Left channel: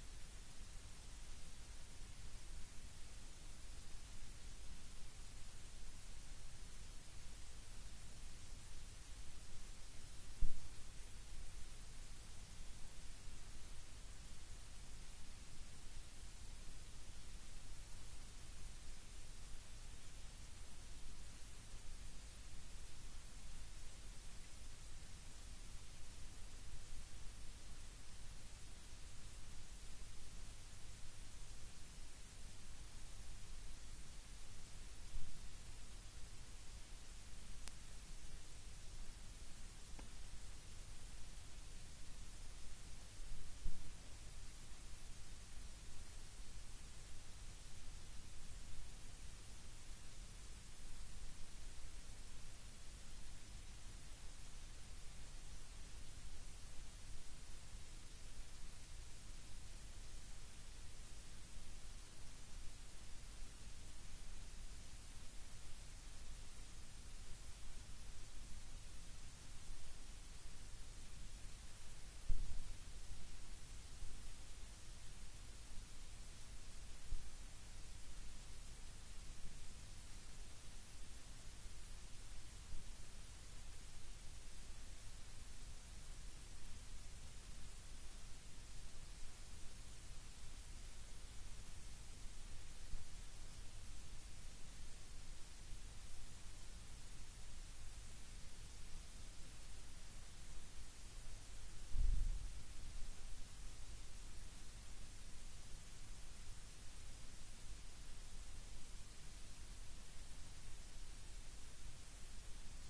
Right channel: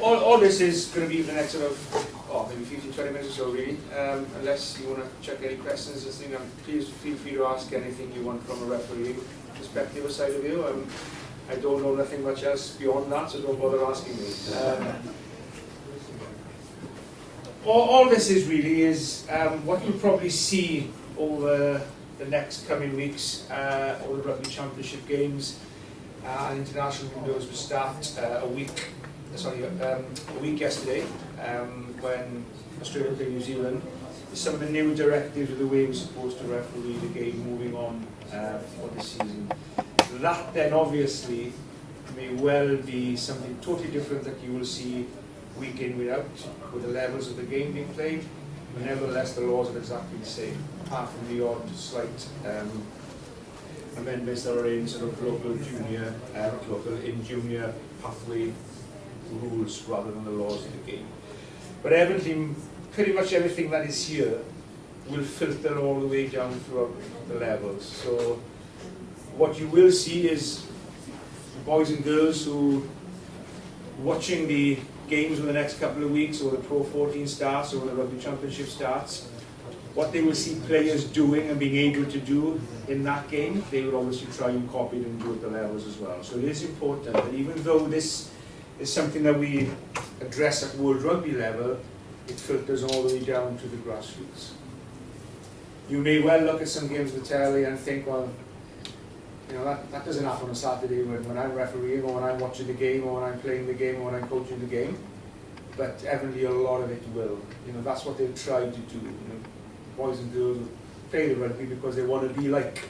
all this is going to be the next sort of, maybe 15, 20 minutes or so really, unless you want to check any questions, please feel free to ask anything you want from a referee perspective or side of view. I don't know nothing much else beyond that, so don't bother asking me. All this is really is what you'll probably see over the next coming weeks, all the Rugby Championship games, and international windows will start a week yesterday, when Australia played New Zealand. Some of the new directives of the way we're supposed to referee the game moving on for this season. That then obviously may well be something totally different that you will see week in, week out, with the levels of the game being played, but nevertheless the laws are exactly the same, apart from the odd slight amendments that are in sort of junior pathway rules rather than the laws of the game. But everything, pretty much everything that is here will filter all the way down throughout the levels. So what you will see is boys and girls who watching the games in the next couple of weeks, or the Pro 14 starts, or the Rugby Championship starts, what they will see players doing and being able to do in that game, they will obviously try and copy it and do at the levels as well. So it is important that even though this is something that we address at World Rugby level, it filters all the way down to the grassroots. You may well look at some games of the telly and think, well, you know, that doesn't happen on a Saturday when I'm refereeing, or when I'm watching the game, or when I'm playing the game, or when I'm coaching the game. But evidently a lot of it will. You know, that's what they've tried to do. You know, boys and girls play the rugby because they want to be like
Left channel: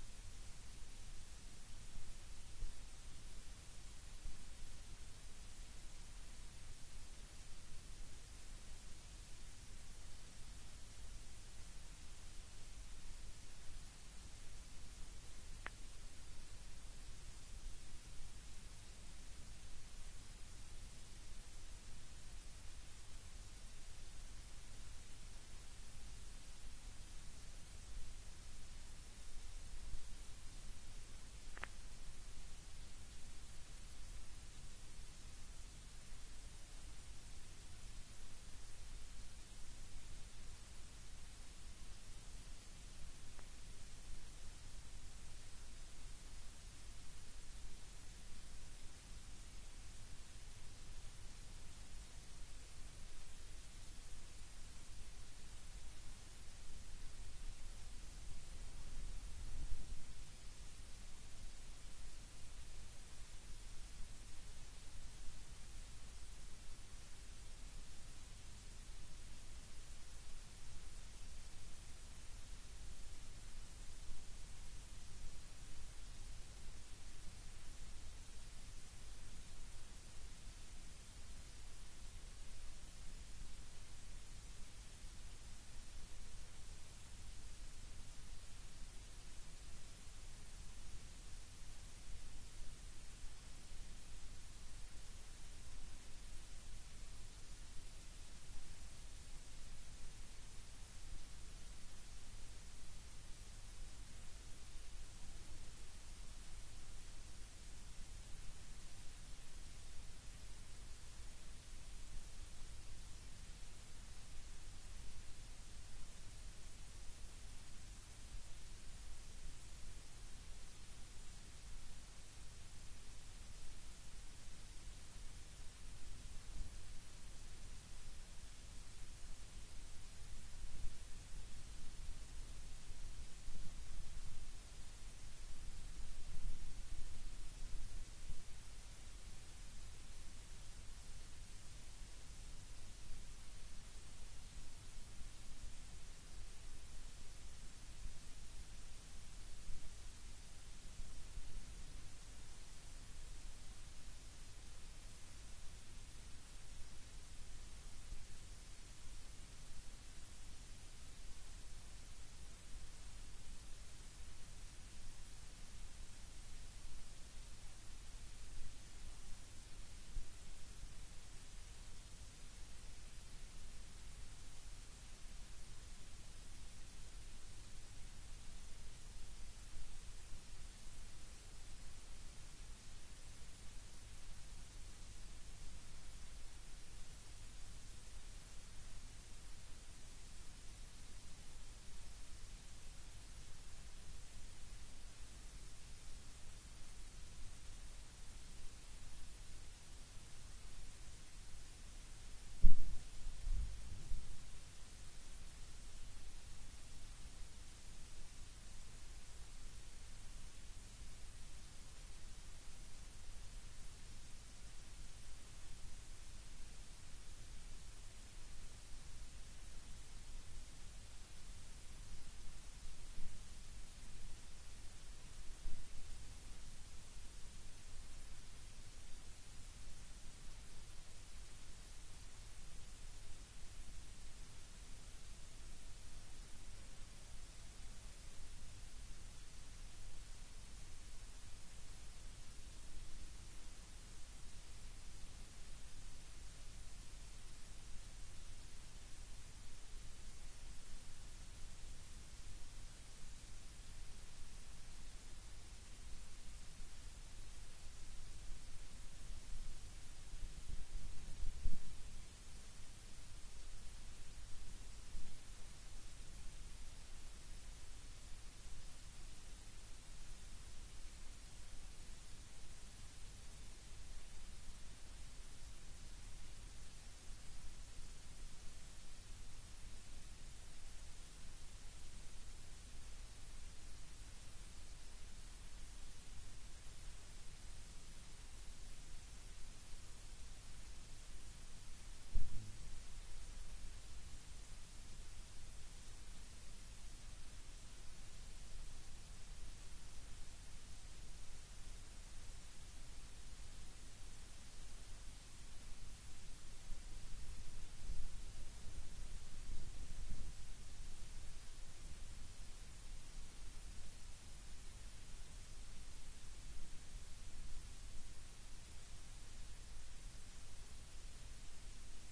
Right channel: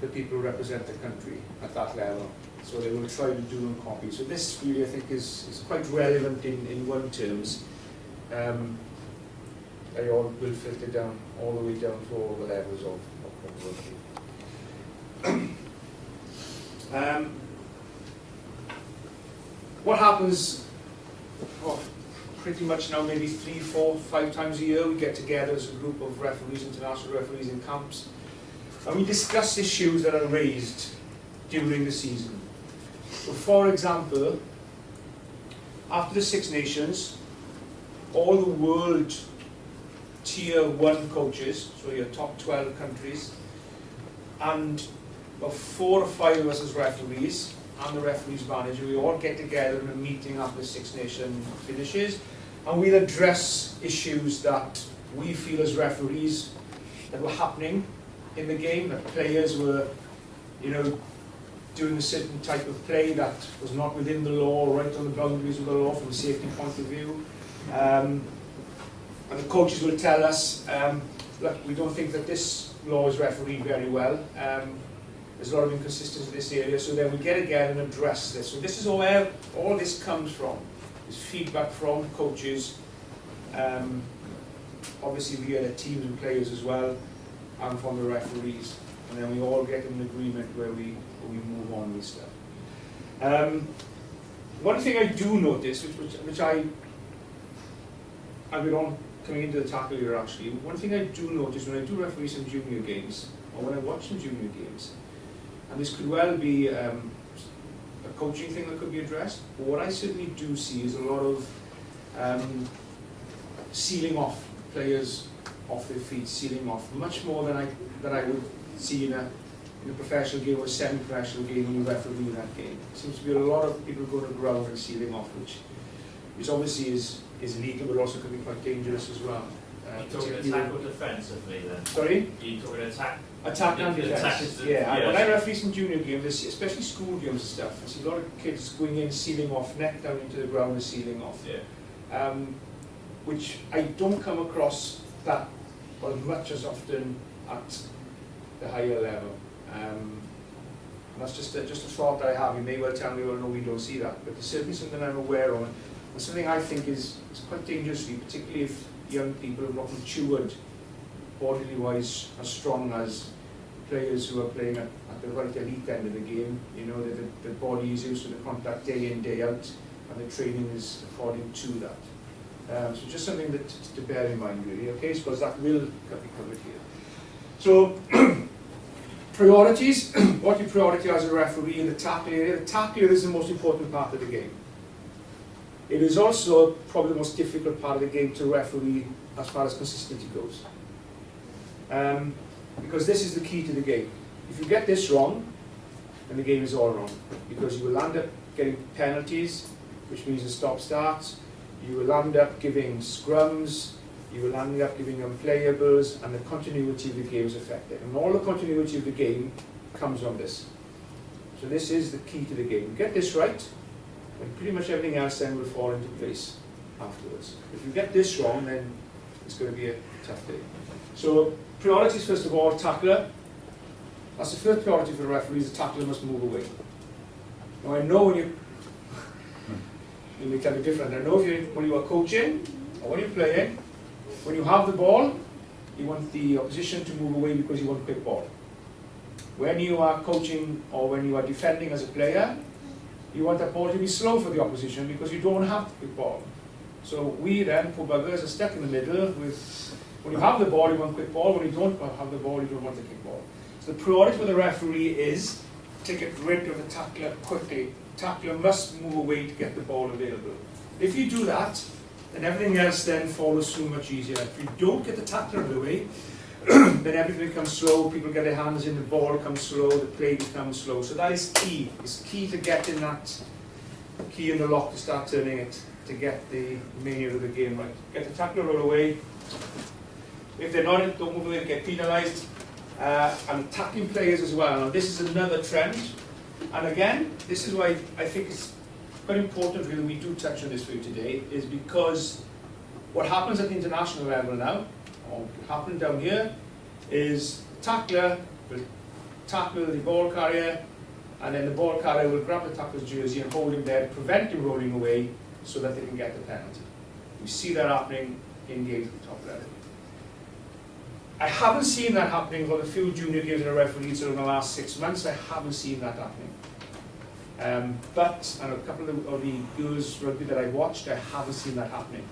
the people who represent the country at that level. So they will try to do and copy. So this really, I think, is quite relevant in one terms. They all will filter down all the way down to all the levels of rugby. What happens pretty much now, maybe 3, 4, 5 times a year, we get together as a group of referees, international referees in camps, and we discuss issues that are raised during the season. So for example, after the Six Nations, all the world tier 1 coaches, so your top 12 countries, and about 4 or 5 of us as referees, and the referees manager, we all get together in a meeting after the Six Nations finishes, and we'll address issues that we feel as referees that were happening in the game, that players were, you know, doing a certain type of play that was not within the law, right on the boundaries of the law from a safety point of view. And the coaches will tell us, look, we don't think that this law is refereed very well. There's a lot of inconsistency in this area, so then we get together and address this. So this is where all this comes from, is feedback from coaches, obviously via the teams and players as well, and from the referees. And then we all get in an agreement where we move on with stuff. One thing I do notice, which I've been on coming into the tackle here actually, one thing I do notice when I do referee some junior games, or when I watch some junior games, and this could well be a coaching thing that could be addressed, but what I certainly do see is a lot of sealing off players off their feet, sealing off, much more than I would see in a professional game or a semi-professional game when you referee that game. There seems to be a lot of people going to ground and sealing off, which obviously is legal, but also can be quite dangerous as well. You're talking attack or defensively then? Sorry? You're talking attack? Attack and defence. Yeah, when I referee some junior games, especially school games and stuff, I see a lot of kids going in, sealing off, neck down into the ground and sealing off. Yeah. Which I don't come across that much as often at the higher level. That's just a thought that I have. You may well tell me, well, no, we don't see that, but it's certainly something I'm aware of, and something I think is quite dangerous, particularly if young people have not matured bodily wise as strong as players who are playing at the right elite end of the game. You know, the body is used to the contact day in, day out, and the training is according to that. So just something to bear in mind, really, okay, because that will be covered here. So, priorities, what you prioritise as a referee in the tackle area. The tackle area is the most important part of the game. It is also probably the most difficult part of the game to referee as far as consistency goes. Because this is the key to the game. If you get this wrong, then the game is all wrong. Because you will end up getting penalties, which means a stop-start. You will end up giving scrums. You will end up giving unplayables, and the continuity of the game is affected. And all the continuity of the game comes from this. So this is the key to the game. You get this right, and pretty much everything else then will fall into place afterwards. If you get this wrong, then it's going to be a tough day. So priorities, first of all, tackler. That's the first priority for the referees. The tackler must move away. Now I know when you may tell me different. I know when you are coaching or when you're playing, when you have the ball, you want the opposition to move away because you want a quick ball. When you are coaching or when you are defending as a player, you want that ball to be slow for the opposition because you don't have the quick ball. So we then, poor buggers, are stuck in the middle with, when you have the ball, you want a quick ball. When you don't have the ball, you don't want the quick ball. So the priority for the referee is to get rid of the tackler quickly. Tackler must move away to get the ball available. If you do that, then everything else then follows through much easier. If you don't get the tackler out of the way, then everything becomes slow, people get their hands in, the ball comes slow, the play becomes slow. So that is key. It's key to getting that key in the lock to start turning it, to get the mania of the game right. Get the tackler out of the way. If they're not, don't move away, they get penalised. And tackling players as well. Now this is another trend. And again, this is why I think it's quite important that we do touch on this for you today, is because what happens at the international level now, or happening down here, is the tackler will tackle the ball carrier, and then the ball carrier will grab the tackler's jersey and hold him there, prevent him rolling away so that they can get the penalty. We see that happening in games at the top level. I haven't seen that happening for the few junior games that I refereed in the last 6 months. I haven't seen that happening. But, and a couple of the girls rugby that I watched, I haven't seen that happening.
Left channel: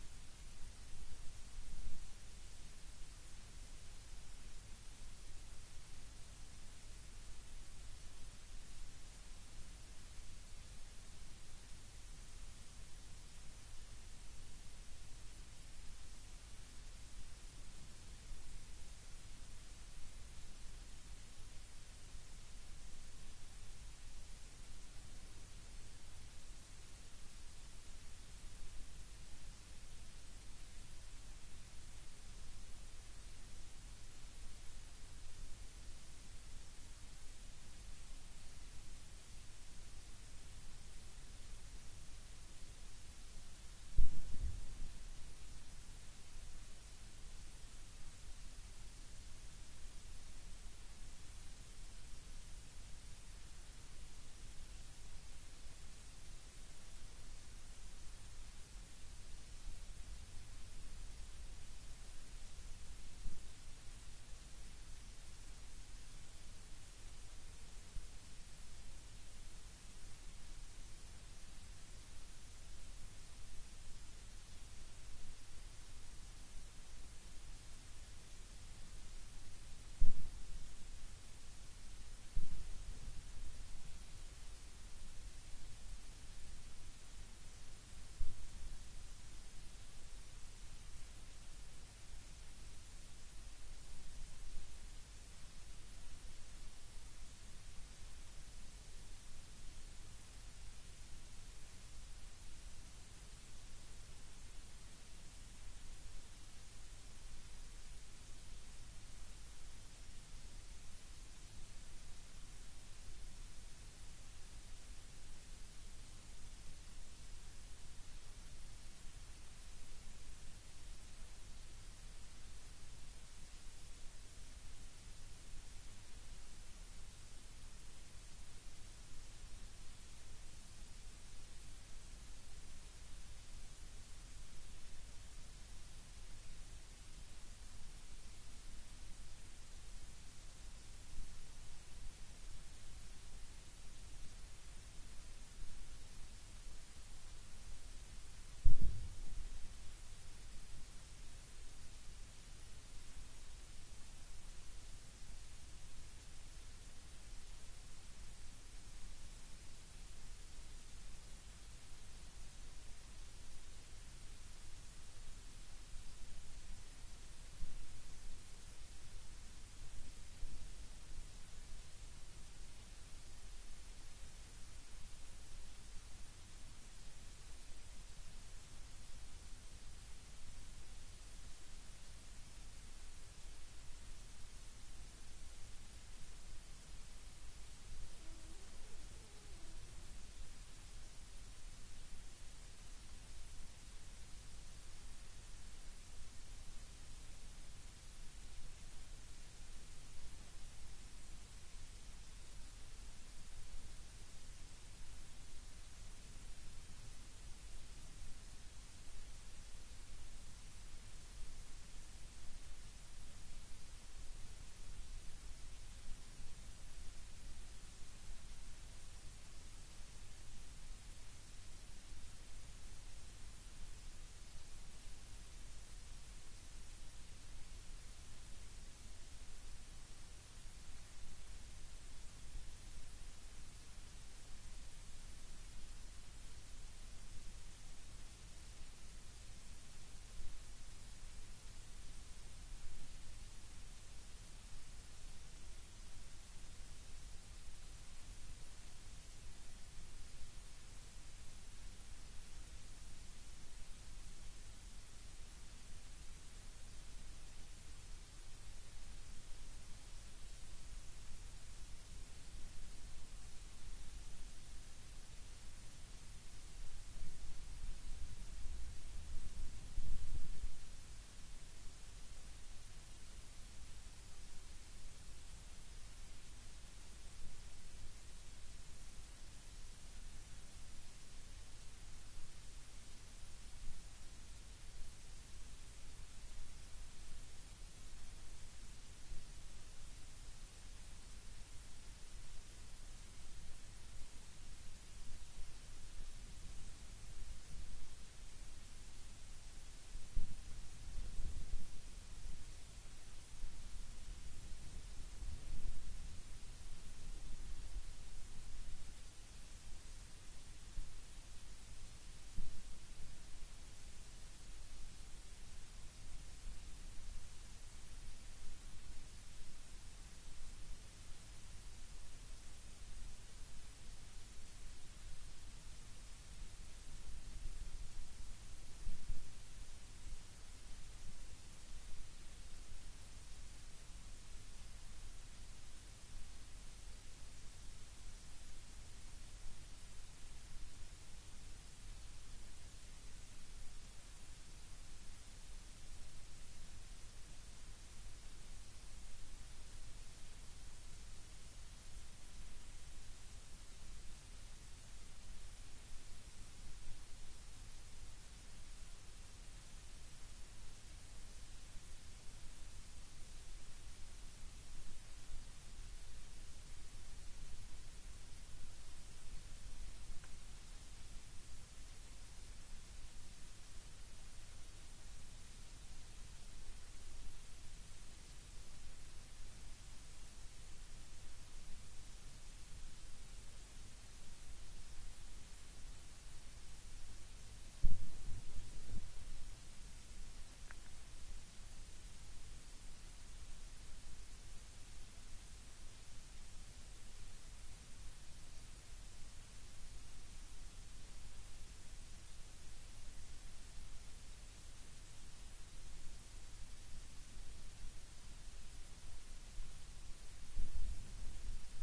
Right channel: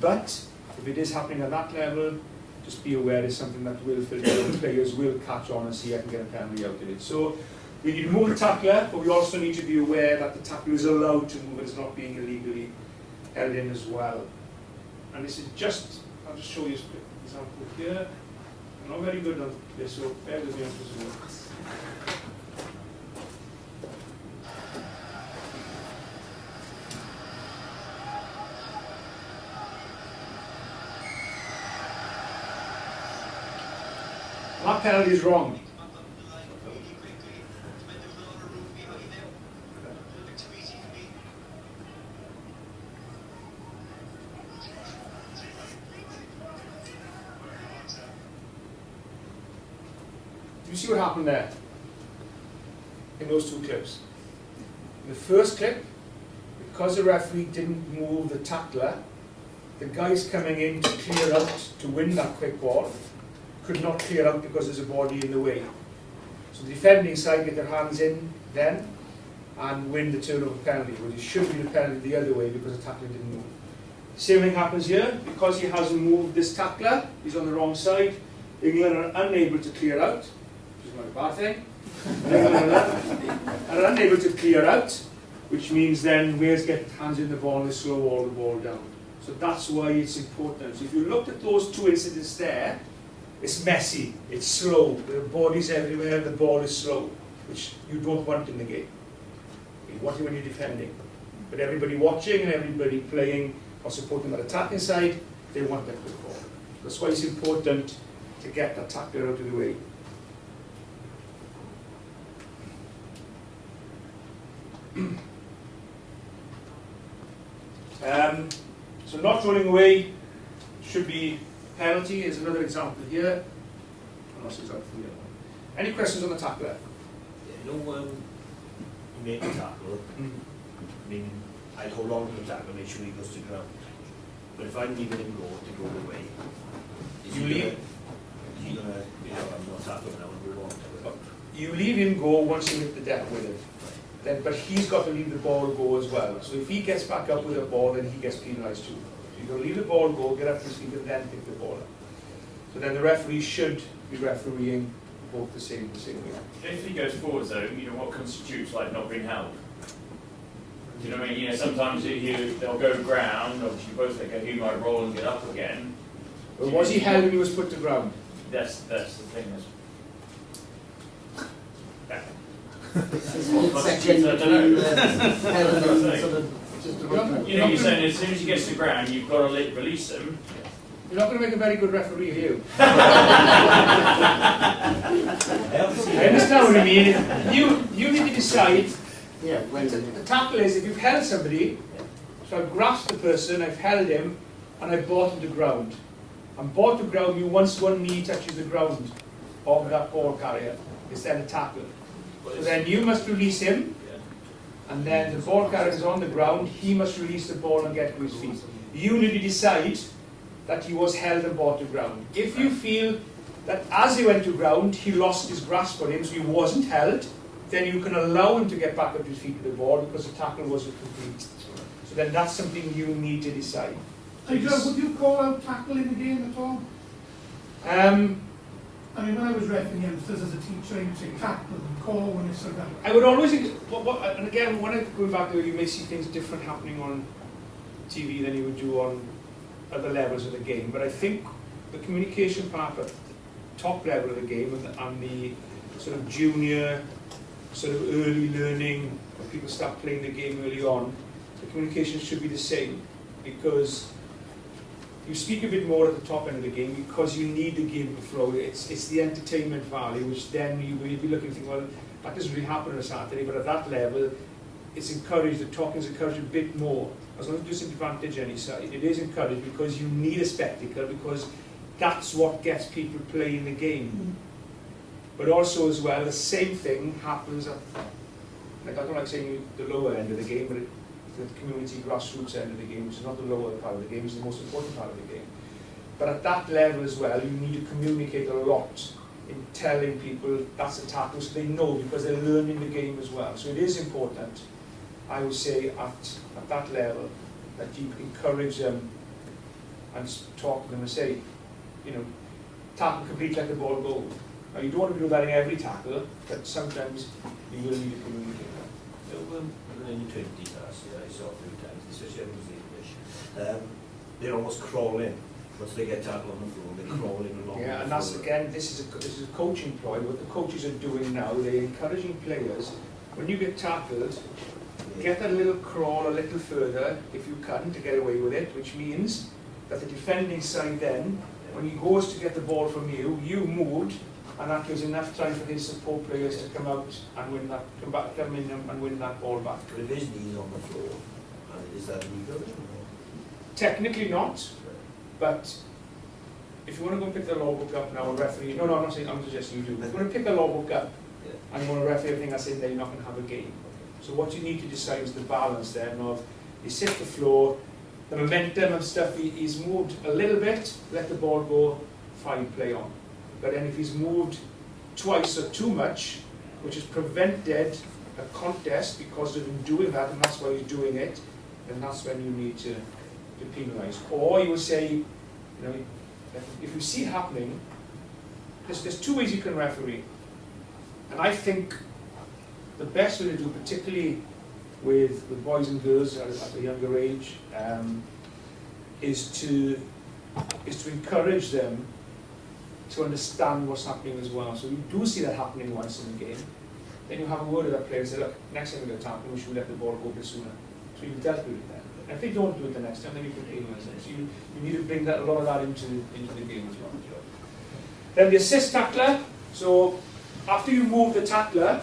But, if it is happening at that level, just be aware it's something that will filter out. Players will catch on and see I can get a penalty out of it. So, we need to move the tackler, but we also need to be aware that the tackler is allowed to move, it's not being illegally held in as well. And this is just, I'll just show you a quick example here. I'm not very good on this, so bear with me on this one. That penalty is wrong. Do you see what happened there in those two clips? In the first clip, because the referee didn't move the tackler, the guys coming in to clear out to win that quick ball could not clear out because there's a body in the way. So the defending side get their hands in then and win the turnover penalty, but it should be the penalty the other way because the tackler didn't move. Same thing happens here. Because he hasn't moved this tackler, he's on the wrong side, England are unable to clear out, which is not a bad thing. England are unable to clear out, which means then Wales get hands in the ball and they slow all the ball down. So that's why it's important. So if you looked at those two incidents there, it's messy, it's slow, the body's everywhere, the ball is slow, which you don't want in the game. You want it when you're defending. But everybody watching and everybody playing or supporting that attacking side, they want that quick ball. That's why it's important to get that tackler out of the way. So not rolling away should be penalty. Is another example here. Example here. Any questions on the tackler? Yeah, you make a tackle, I mean, I'd hold on to the tackle, make sure he goes to ground. But if I'm leaving him to go away, is You he leave? Gonna, is he gonna, I'm not tackling now and move on to it? You leave him go once you hit the deck with it. Then, but he's got to leave the ball go as well. So if he gets back up with the ball, then he gets penalised too. So you've got to leave the ball go, get up to his feet, and then pick the ball up. So then the referee should be refereeing both the same way. If he goes forwards though, you know what constitutes like not being held? Do you know what I mean? You know, sometimes they'll go ground, obviously both think, okay, he might roll and get up again. But was he held when he was put to ground? That's the thing. Section between the head and sort of just You know, you're saying as soon as he gets to the ground, you've got to release him. You're not going to make a very good referee, are you? I I understand what you mean. You need to decide. yeah, when The tackle is if you've held somebody, so I've grasped the person, I've held him, and I've brought him to ground. And brought to ground, you once one knee touches the ground of that ball carrier, it's then a tackle. So then you must release him, and then the ball carrier is on the ground, he must release the ball and get to his feet. You need to decide that he was held and brought to ground. If you feel that as he went to ground, he lost his grasp on him, so he wasn't held, then you can allow him to get back up to his feet with the ball because the tackle wasn't complete. So then that's something you need to decide. Nigel, would you call out tackle in the game at all? I mean, when I was refereeing youngsters as a teacher, I would say tackle and call when it's sort of. I would always, and again, when I go back there, you may see things different happening on TV than you would do on other levels of the game. But I think the communication part at the top level of the game and the sort of junior, sort of early learning, when people start playing the game early on, the communication should be the same because you speak a bit more at the top end of the game because you need the game to flow. It's the entertainment value, which then you will be looking and think, well, that doesn't really happen on a Saturday, but at that level, it's encouraged, the talking is encouraged a bit more. As long as it doesn't advantage any side, it is encouraged because you need a spectacle, because that's what gets people playing the game. But also as well, the same thing happens at, like I don't like saying the lower end of the game, but the community grassroots end of the game, which is not the lower part of the game, it's the most important part of the game. But at that level as well, you need to communicate a lot in telling people that's a tackle, so they know, because they're learning the game as well. So it is important, I would say, at that level, that you encourage them and talk to them and say, you know, tackle complete, let the ball go. Now you don't want to do that in every tackle, but sometimes you will need to communicate that. In the 20s last year, I saw a few times, especially when it was English, they almost crawl in. Once they get tackled on the floor, they crawl in along. Yeah, and that's again, this is a coaching ploy. What the coaches are doing now, they're encouraging players, when you get tackled, get that little crawl a little further, if you can, to get away with it, which means that the defending side then, when he goes to get the ball from you, you moved, and that gives enough time for his support players to come out and win that, come in and win that ball back. But if his knee's on the floor, is that legal? Technically not, but if you want to go pick the law book up now and referee, no, I'm not saying, I'm suggesting you do. If you want to pick the law book up and you want to referee everything that's in there, you're not going to have a game. So what you need to decide is the balance then of, you sit the floor, the momentum and stuff, he's moved a little bit, let the ball go, fine, play on. But then if he's moved twice or too much, which has prevented a contest because of him doing that, and that's why he's doing it, then that's when you need to penalise. Or you will say, you know, if you see it happening, there's two ways you can referee. And I think the best way to do, particularly with boys and girls at a younger age, is to encourage them to understand what's happening as well. So you do see that happening once in a game, then you have a word with that player and say, look, next time we get a tackle, we should let the ball go a bit sooner. So you've dealt with it then. And if they don't do it the next time, then you can penalise it. So you need to bring that, a lot of that into the game as well. Then the assist tackler. So after you move the tackler,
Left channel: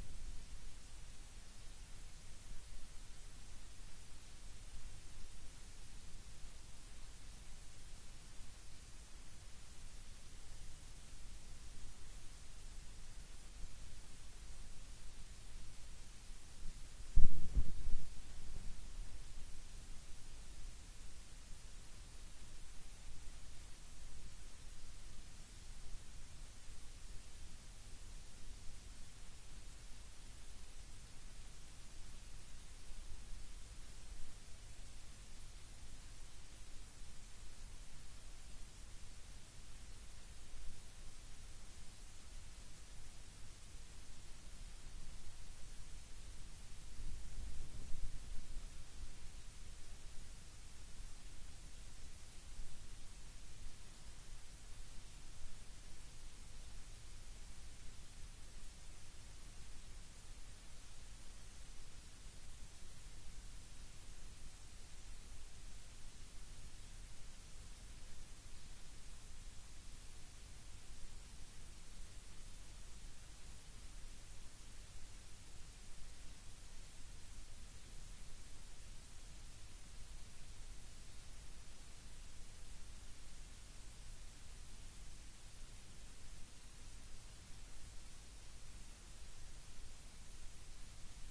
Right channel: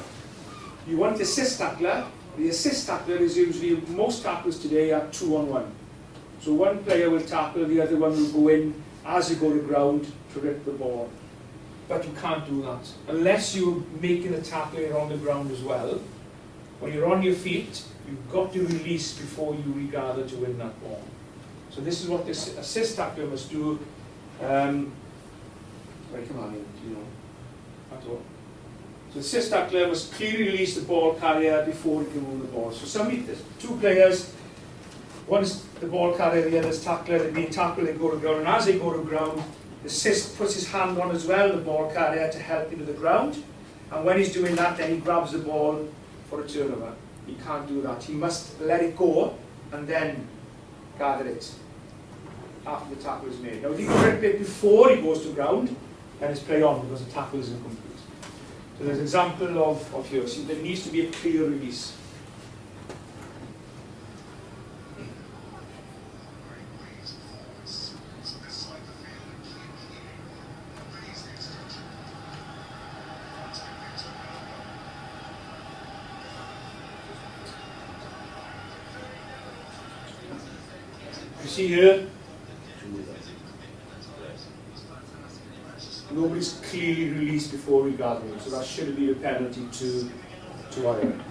you want the assist tackler. The assist tackler is usually, most tackles today are 2-on-1. So one player will tackle, the other one will go in as you go to ground to rip the ball. But you can't do that. Unless you're making a tackle and you're on the ground as well. When you're on your feet, you've got to release before you regather to win that ball. So this is what this assist tackler must do. Come on, you know, that's all. So the assist tackler must clearly release the ball carrier before he can move the ball. So two players, one is the ball carrier, the other is tackler, they're being tackled, they go to ground, and as they go to ground, the assist puts his hand on as well, the ball carrier, to help him to the ground. And when he's doing that, then he grabs the ball for a turnover. he can't do that. He must let it go and then gather it after the tackle is made. Now, if he grip it before he goes to ground, then it's play on because the tackle is incomplete. So there's an example of here. See, there needs to be a clear release. You see here, nobody's clearly released before regathering, so that should be a penalty to Ireland.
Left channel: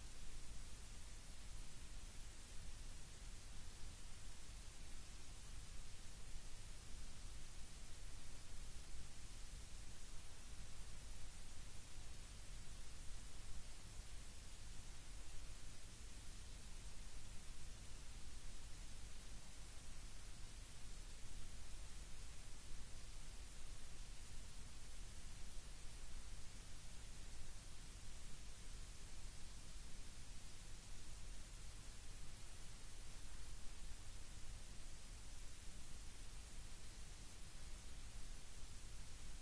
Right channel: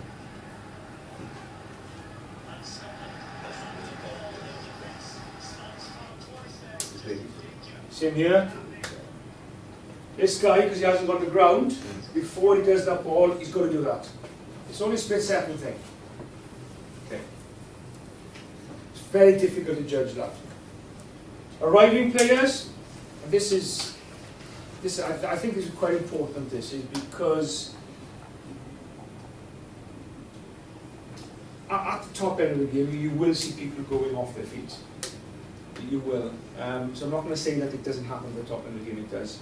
Same here. This guy, because he hasn't got the ground, before he does that ball, he's got to do that. It's only a split-second thing. Okay. It's very difficult to judge that. Arriving players, and this I think this is quite important. This is because at the top end of the game, you will see people going off their feet. You will. So I'm not going to say that it doesn't happen at the top end of the game. It does.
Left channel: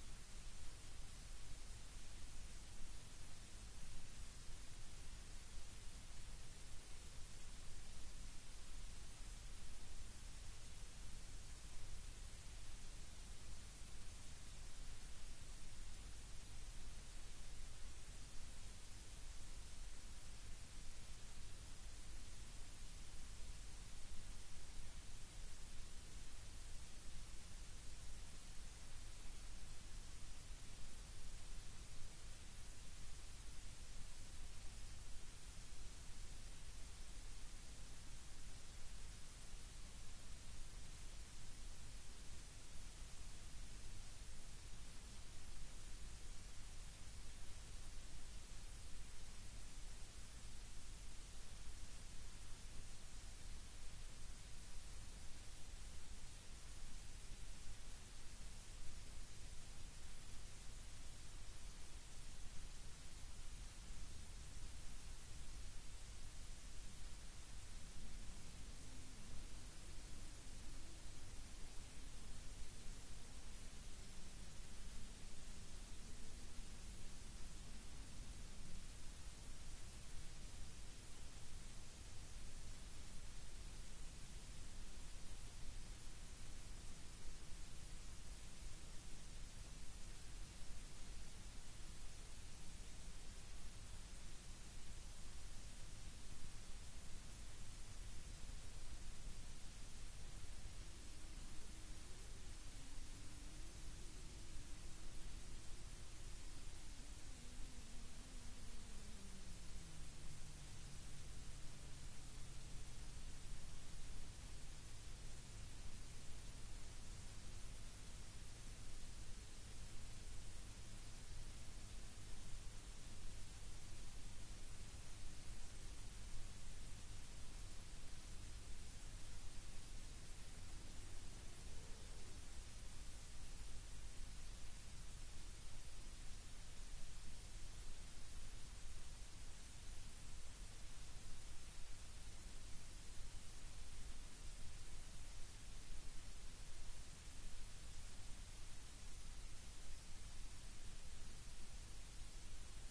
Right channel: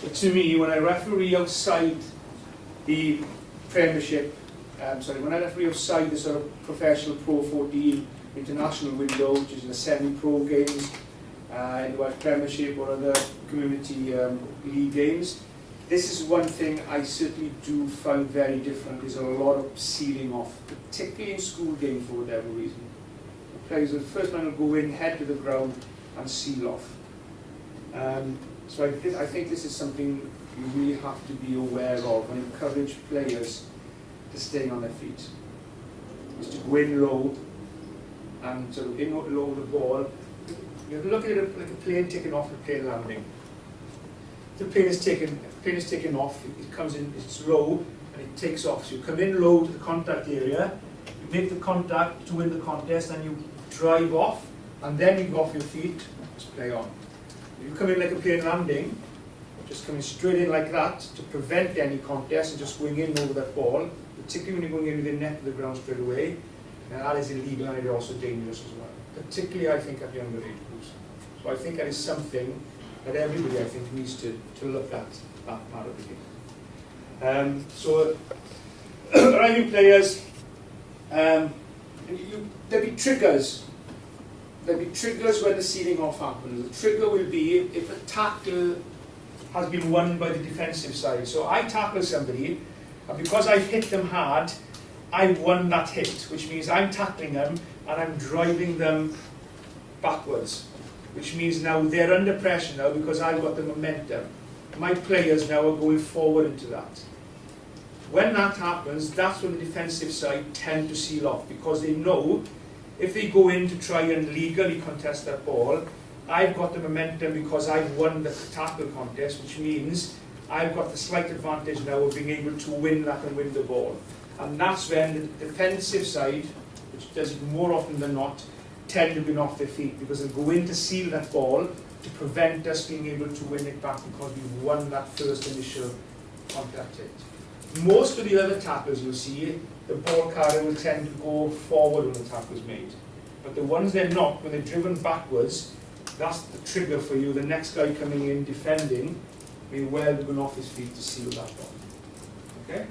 But to me, when I referee outside the Premiership, when I referee outside the sort of professional Pro 14 international window, which is the semi-pro games, in the Welsh Premiership or other community league games, this is one thing I certainly do find very different. There's a lot of sealing off, particularly in school games for whatever reason. The players, the first man will go in, head to the ground, and seal off. So I think this is something you really have to be aware of and encourage players to stay on their feet. Is to go in low and sort of in low the ball. You look at it like a plane taking off, a plane landing. The plane is taken off, it comes in, it's low, and it takes off. So you come in low to the contact area, you make the contact to win the contest, and you drive off, and then you go off your feet, just play on. If you come in like a plane landing, just coming straight in like that to prevent any contest and just going in over that ball, particularly when you're going in with the net to the ground straight away, and that is illegal and it is also dangerous as well. Particularly, I think, at younger age groups. So I think that is something that everybody, I think, needs to look at that part of the game. So, arriving players, there'll be triggers. There'll be triggers when the sealing off happens. The trigger will be if a tackle has been won by the defensive side. So I tackle somebody, and because I've hit them hard, I've won that hit, which means I'm tackling them and I'm driving them backwards, which means now they're under pressure now because I've got the momentum. My players now are going forward into that. When that happens, that's when the defensive side tend to seal off, because they know if they go in to try and legally contest that ball, I've got the momentum because I've won the tackle contest, which means I've got the slight advantage now of being able to win that and win the ball. And that's when the defensive side, which does it more often than not, tend to be off their feet because they go in to seal that ball to prevent us being able to win it back because we've won that first initial contact hit. Most of the other tackles you'll see, the ball carrier will tend to go forward when the tackle is made. But the ones they're not, when they're driven backwards, that's the trigger for you. The next guy coming in defending may well be going off his feet to seal that ball. Okay?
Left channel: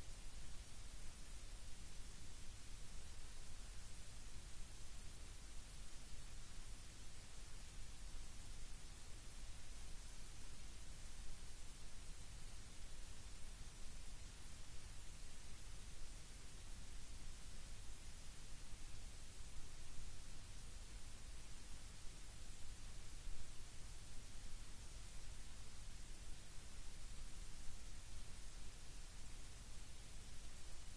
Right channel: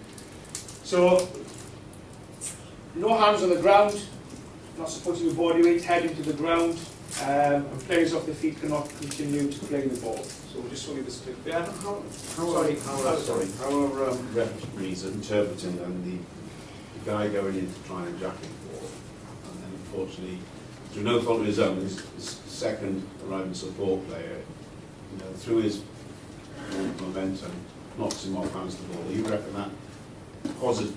So, no hands on the ground, not supporting the body weight, head into the ground, and players off the feet cannot continue to play the ball. So we'll just show you this clip. Yeah? How are referees interpreting then the guy going in to try and jack him for, and then unfortunately, through no fault of his own, his second arriving support player, through his momentum, knocks him off hands the ball. Are you reckon that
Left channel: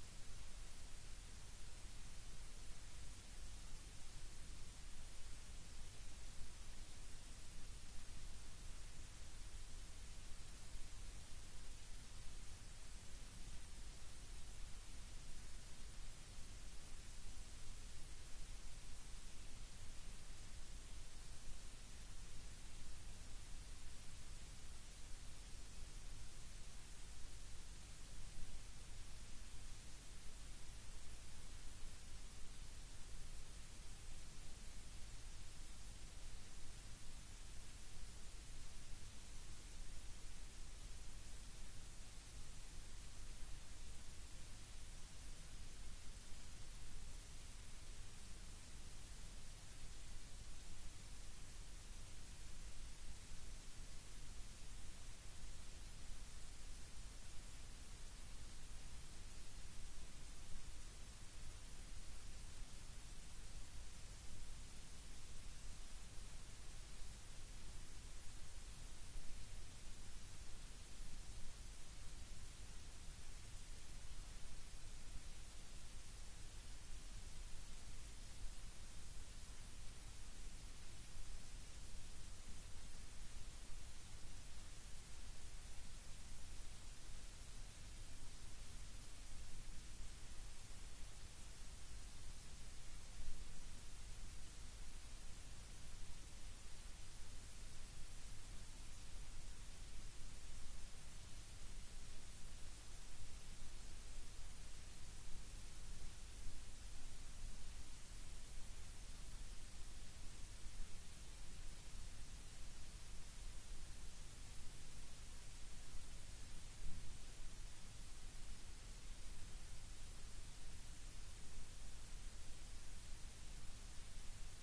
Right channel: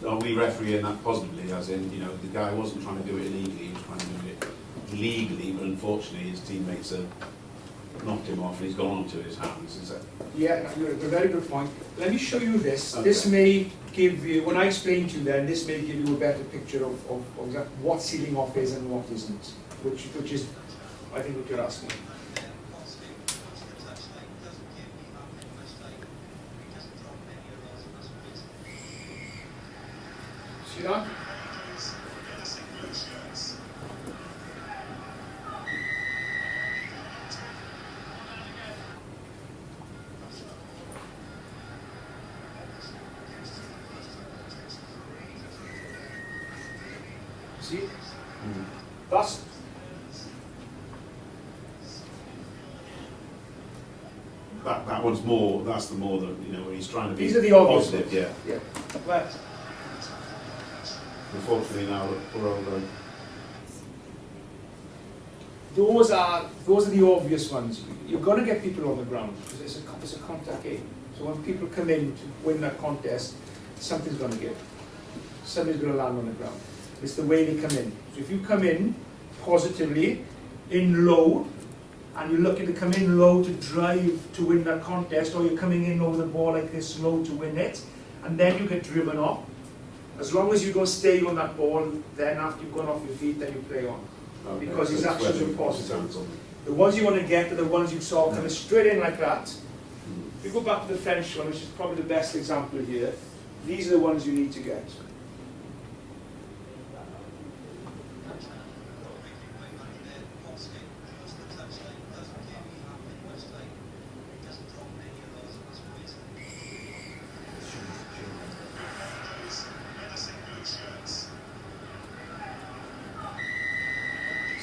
are we refereeing that positively, as in, the guy wasn't trying to do it illegally, he was trying to do it legally, but unfortunately his teammates have knocked him off and he's gone onto his hands, is that? Yeah, a very good point. Let me show you this. Okay. This may give you, when I explain to you then, this may give you a better picture of exactly what sealing off is and what isn't, which is, I think, what you're asking. See that? See? Mm. That's That one's more, that's the more that, you know, where he's trying to be these are the obvious positive, ones. yeah. Yeah. Right. Unfortunately now, poor old, Those are the obvious ones. You're going to get people on the ground because it's a contact game. So when people come in to win that contest, something's going to give. Somebody's going to land on the ground. It's the way they come in. So if you come in positively, in low, and you're looking to come in low to drive to win that contest, or you're coming in over the ball like this low to win it, and then you get driven off. As long as you don't stay on that ball, then after you've gone off your feet, then you play on. okay, Because his so it's actions whether are positive. it sounds on. The ones you want to get are the ones you saw coming straight in like that. Mm. If you go back to the French one, which is probably the best example here, these are the ones you need to get.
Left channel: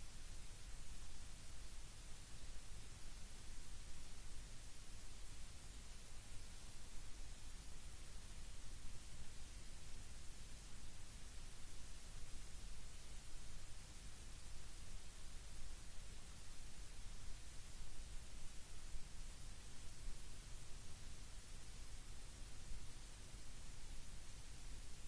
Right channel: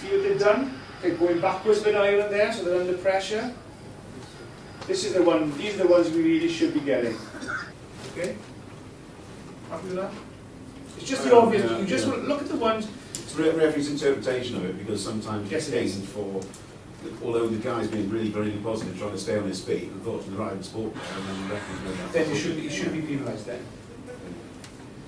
See what they've done? They're going backwards with Ireland there, so they're under pressure. This is the one, these are the ones we really should be getting. Okay? Happy with that? It's just the obvious, Yeah, you just yeah. look at the ones. It's the referee's interpretation of it, because sometimes Yes, it's it is. gained for, although the guy's been really, really positive, trying to stay on his feet, unfortunately, right in sport, and then the referee's made that. Then you should be penalised then.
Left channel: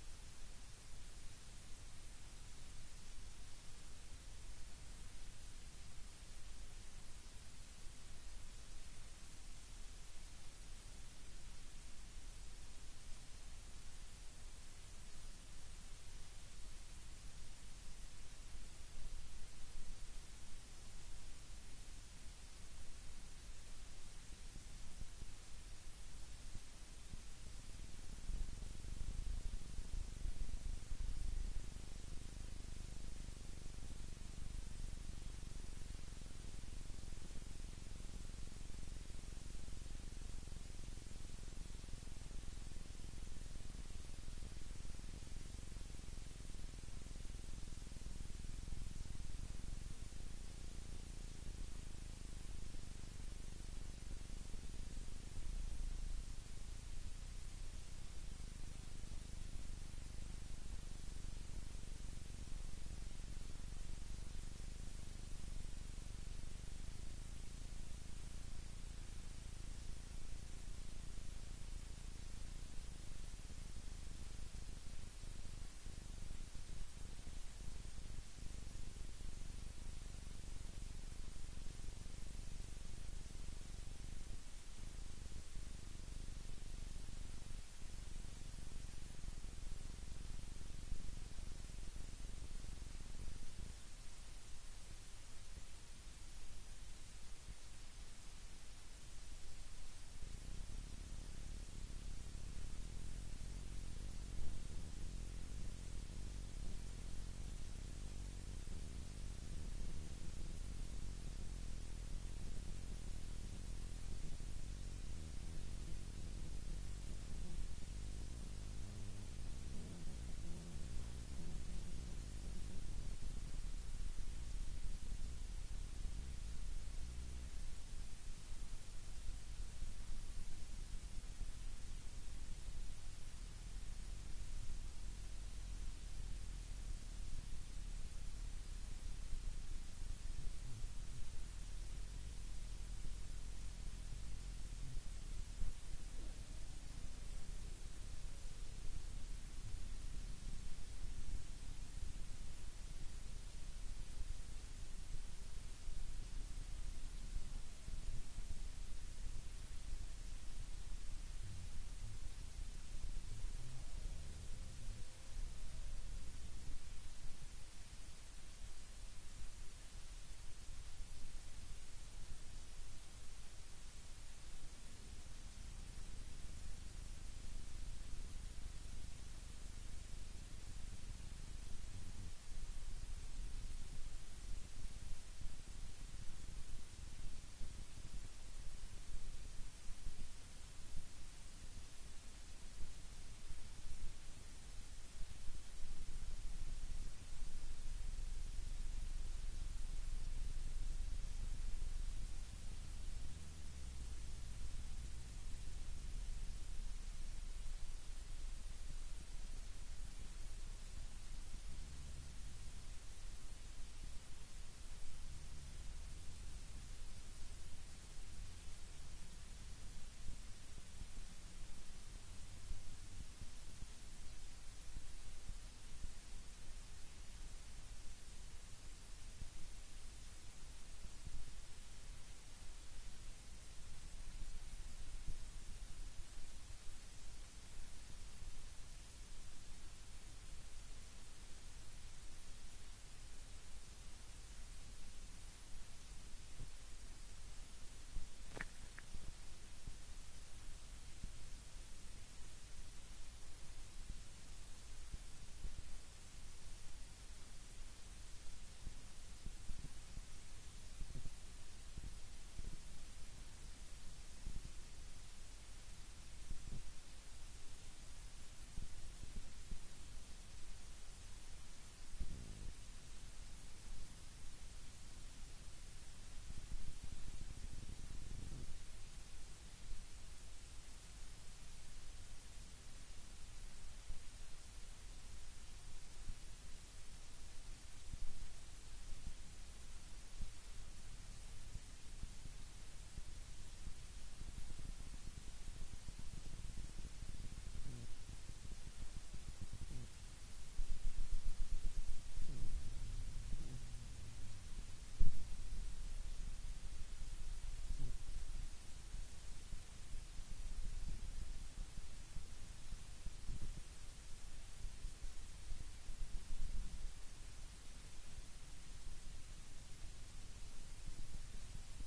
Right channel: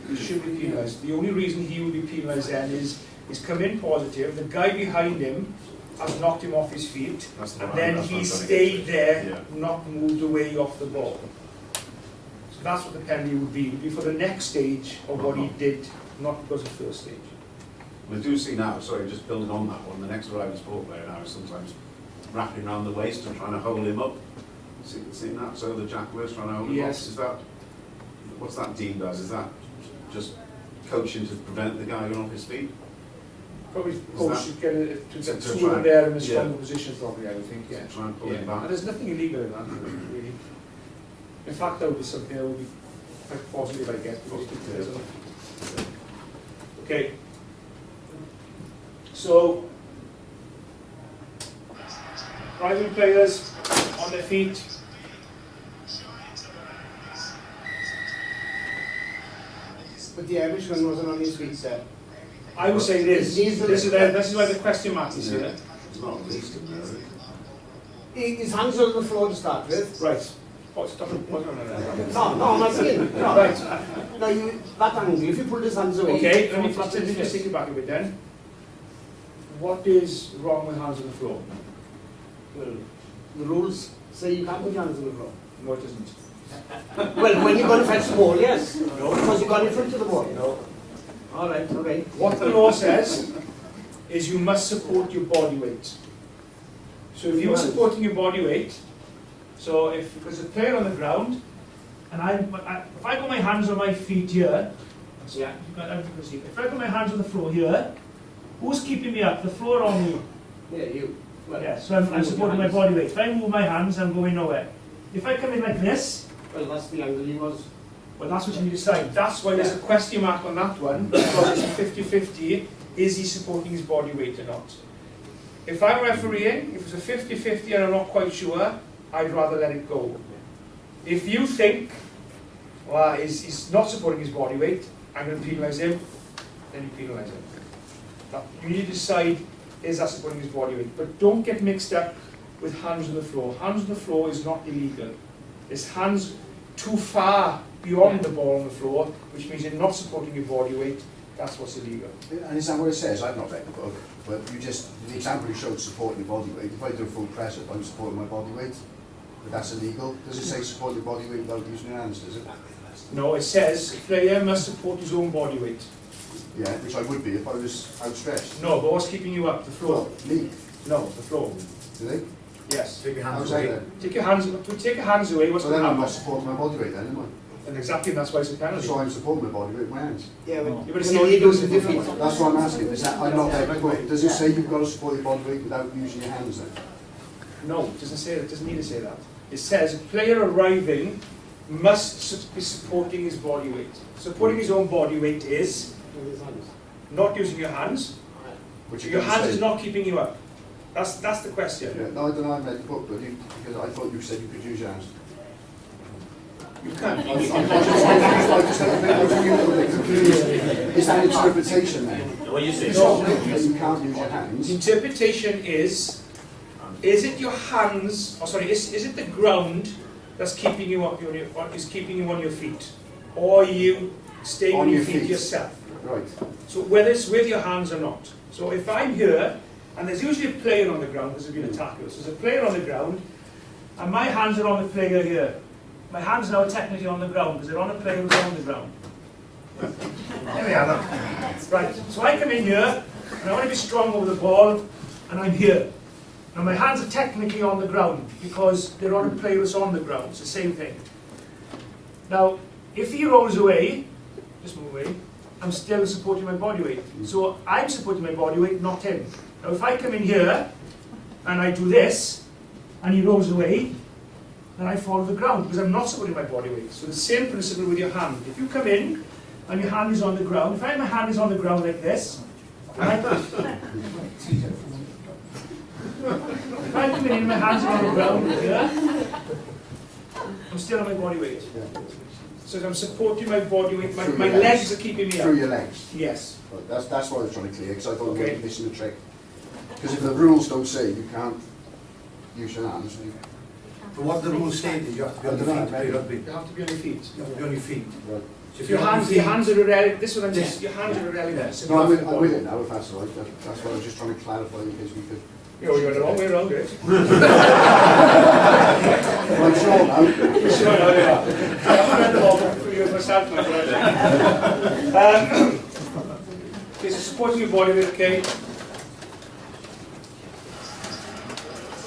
You should be penalised. The only reason he will be penalised then is come in positive, the guy behind him has knocked him off his feet, That's the and right- then that's what he I'm trying to stayed get to. there, Yeah. not moved away off the ball. So that's what the penalty would be. It would be for the next stage of what he did, not because of the first stage. We do see now, sorry, just building on that one, the next arriving sport player now is sometimes wrapping around the waist and trying to hold him up. Seeing that? So the jack was trying to hold him up. Yes. Is that, what's that deemed as? Is that just coaching to prevent the guy going off his feet? Probably Is coach that- should get it to to get try two and- there in a yeah. stronger position probably, I would think, yeah. To try and pull Yeah. him back? And there's nothing illegal in that, really. In fact, that would be something that would be quite positive, I guess, because it is. Okay. So, driving players on their feet. But the Irishman wasn't on his feet there. I would say it is. These are This is, the- this is why the question mark is Yeah. here. It's not released in there, is it? His hands are on the floor to start with. Right. Oh, stop it. Oh, no. No, I'm not saying. No. Right. No, that angle, if you pull his hands away. Okay, let me flat just in his take face. it back a bit then. What is wrong with hands on the floor? Well, the rules say you can't put your hands on the floor. No, it isn't. Well, when you're going to fetch the ball, yes. No. Because you've got in front of the ball. No. All right, okay. What the law says is you must support your body weight. So if you're supporting your body weight, so if there's a player on the ground, and if I got my hands on my feet here, so Yeah. if I got my hands on the floor here, who's keeping me up, the floor or me? Yeah, you. Well, Yeah, so I'm supporting my body weight. If I move my hands, I'm going nowhere. If I come in like this, Well, that's the angle he was. well, that's what you need to decide. That's why there's a question mark on that one, because it's 50-50, is he supporting his body weight or not? If I'm refereeing, if it's a 50-50 and I'm not quite sure, I'd rather let it go. If you think, well, he's not supporting his body weight, I'm going to penalise him, then you penalise him. You need to decide, is that supporting his body weight? But don't get mixed up with hands on the floor. Hands on the floor is not illegal. It's hands too far beyond the ball on the floor, which means you're not supporting your body weight. That's what's illegal. And is that what it says? I've not read the book, but the example you showed supporting your body weight. If I do a full press up, I'm supporting my body weight, but that's illegal. Does it say support your body weight without using your hands, does it? No, it says a player must support his own body weight. Yeah, which I would be if I was outstretched. No, but what's keeping you up? The floor. Me, No, the floor. do they? Yes. Take your hands away. Take your hands away. What's So going then to I'm happen? not supporting my body weight then, am I? And exactly, that's why it's a penalty. So I'm supporting my body weight with my hands. Yeah, No. but But it's when not he illegal goes to with do the that. feet. That's what I'm asking. Is that I've not read the book. Does it say you've got to support your body weight without using your hands then? No, it doesn't say that. It doesn't need to say that. It says a player arriving must be supporting his body weight. Supporting his own body weight is With his hands. not using your hands. Which Your hands is not keeping you up. That's the question. Yeah, no, I don't know, I read the book, but because I thought you said you could use your hands. You can. Is that interpretation then? What you say? That you can't use your hands? Interpretation is it your hands, is it the ground that's keeping you up, is keeping you on your feet? Or are you staying on your feet yourself? Right. So whether it's with your hands or not. So if I'm here, and there's usually a player on the ground, there's been a tackle, so there's a player on the ground, and my hands are on the player here. My hands now are technically on the ground, because they're on a player who's on the ground. There we are, look. Right, so I come in here, and I want to be strong over the ball, and I'm here. Now my hands are technically on the ground, because they're on a player who's on the ground, it's the same thing. Now, if he rolls away, just move away, I'm still supporting my body weight. So I'm supporting my body weight, not him. Now if I come in here, and I do this, and he rolls away, then I fall to the ground, because I'm not supporting my body weight. So the same principle with your hand. If you come in, and your hand is on the ground, if my hand is on the ground like this, and I if I come in and my hands are on the ground here, I'm still on my body weight. So I'm supporting my body weight, my legs are keeping me up. Through your legs? Yes. Right, that's what I was trying to clear, because I thought we Okay. were missing the trick. Because if the rules don't say you can't use your hands, But what the rules say is you have to be on your feet to play rugby. You have to be on your feet. You have to be on your feet. right. So If your hands are irrelevant, this is what I'm just, your hands are irrelevant. So No, I'm you have with to- it now, if that's all right. That's what I was just trying to clarify in case we could. You're the wrong way around, Grace. Well, I'm sure now. Sure, no, yeah. I haven't read the law for you myself, my friend. Okay, so supporting your body weight, okay.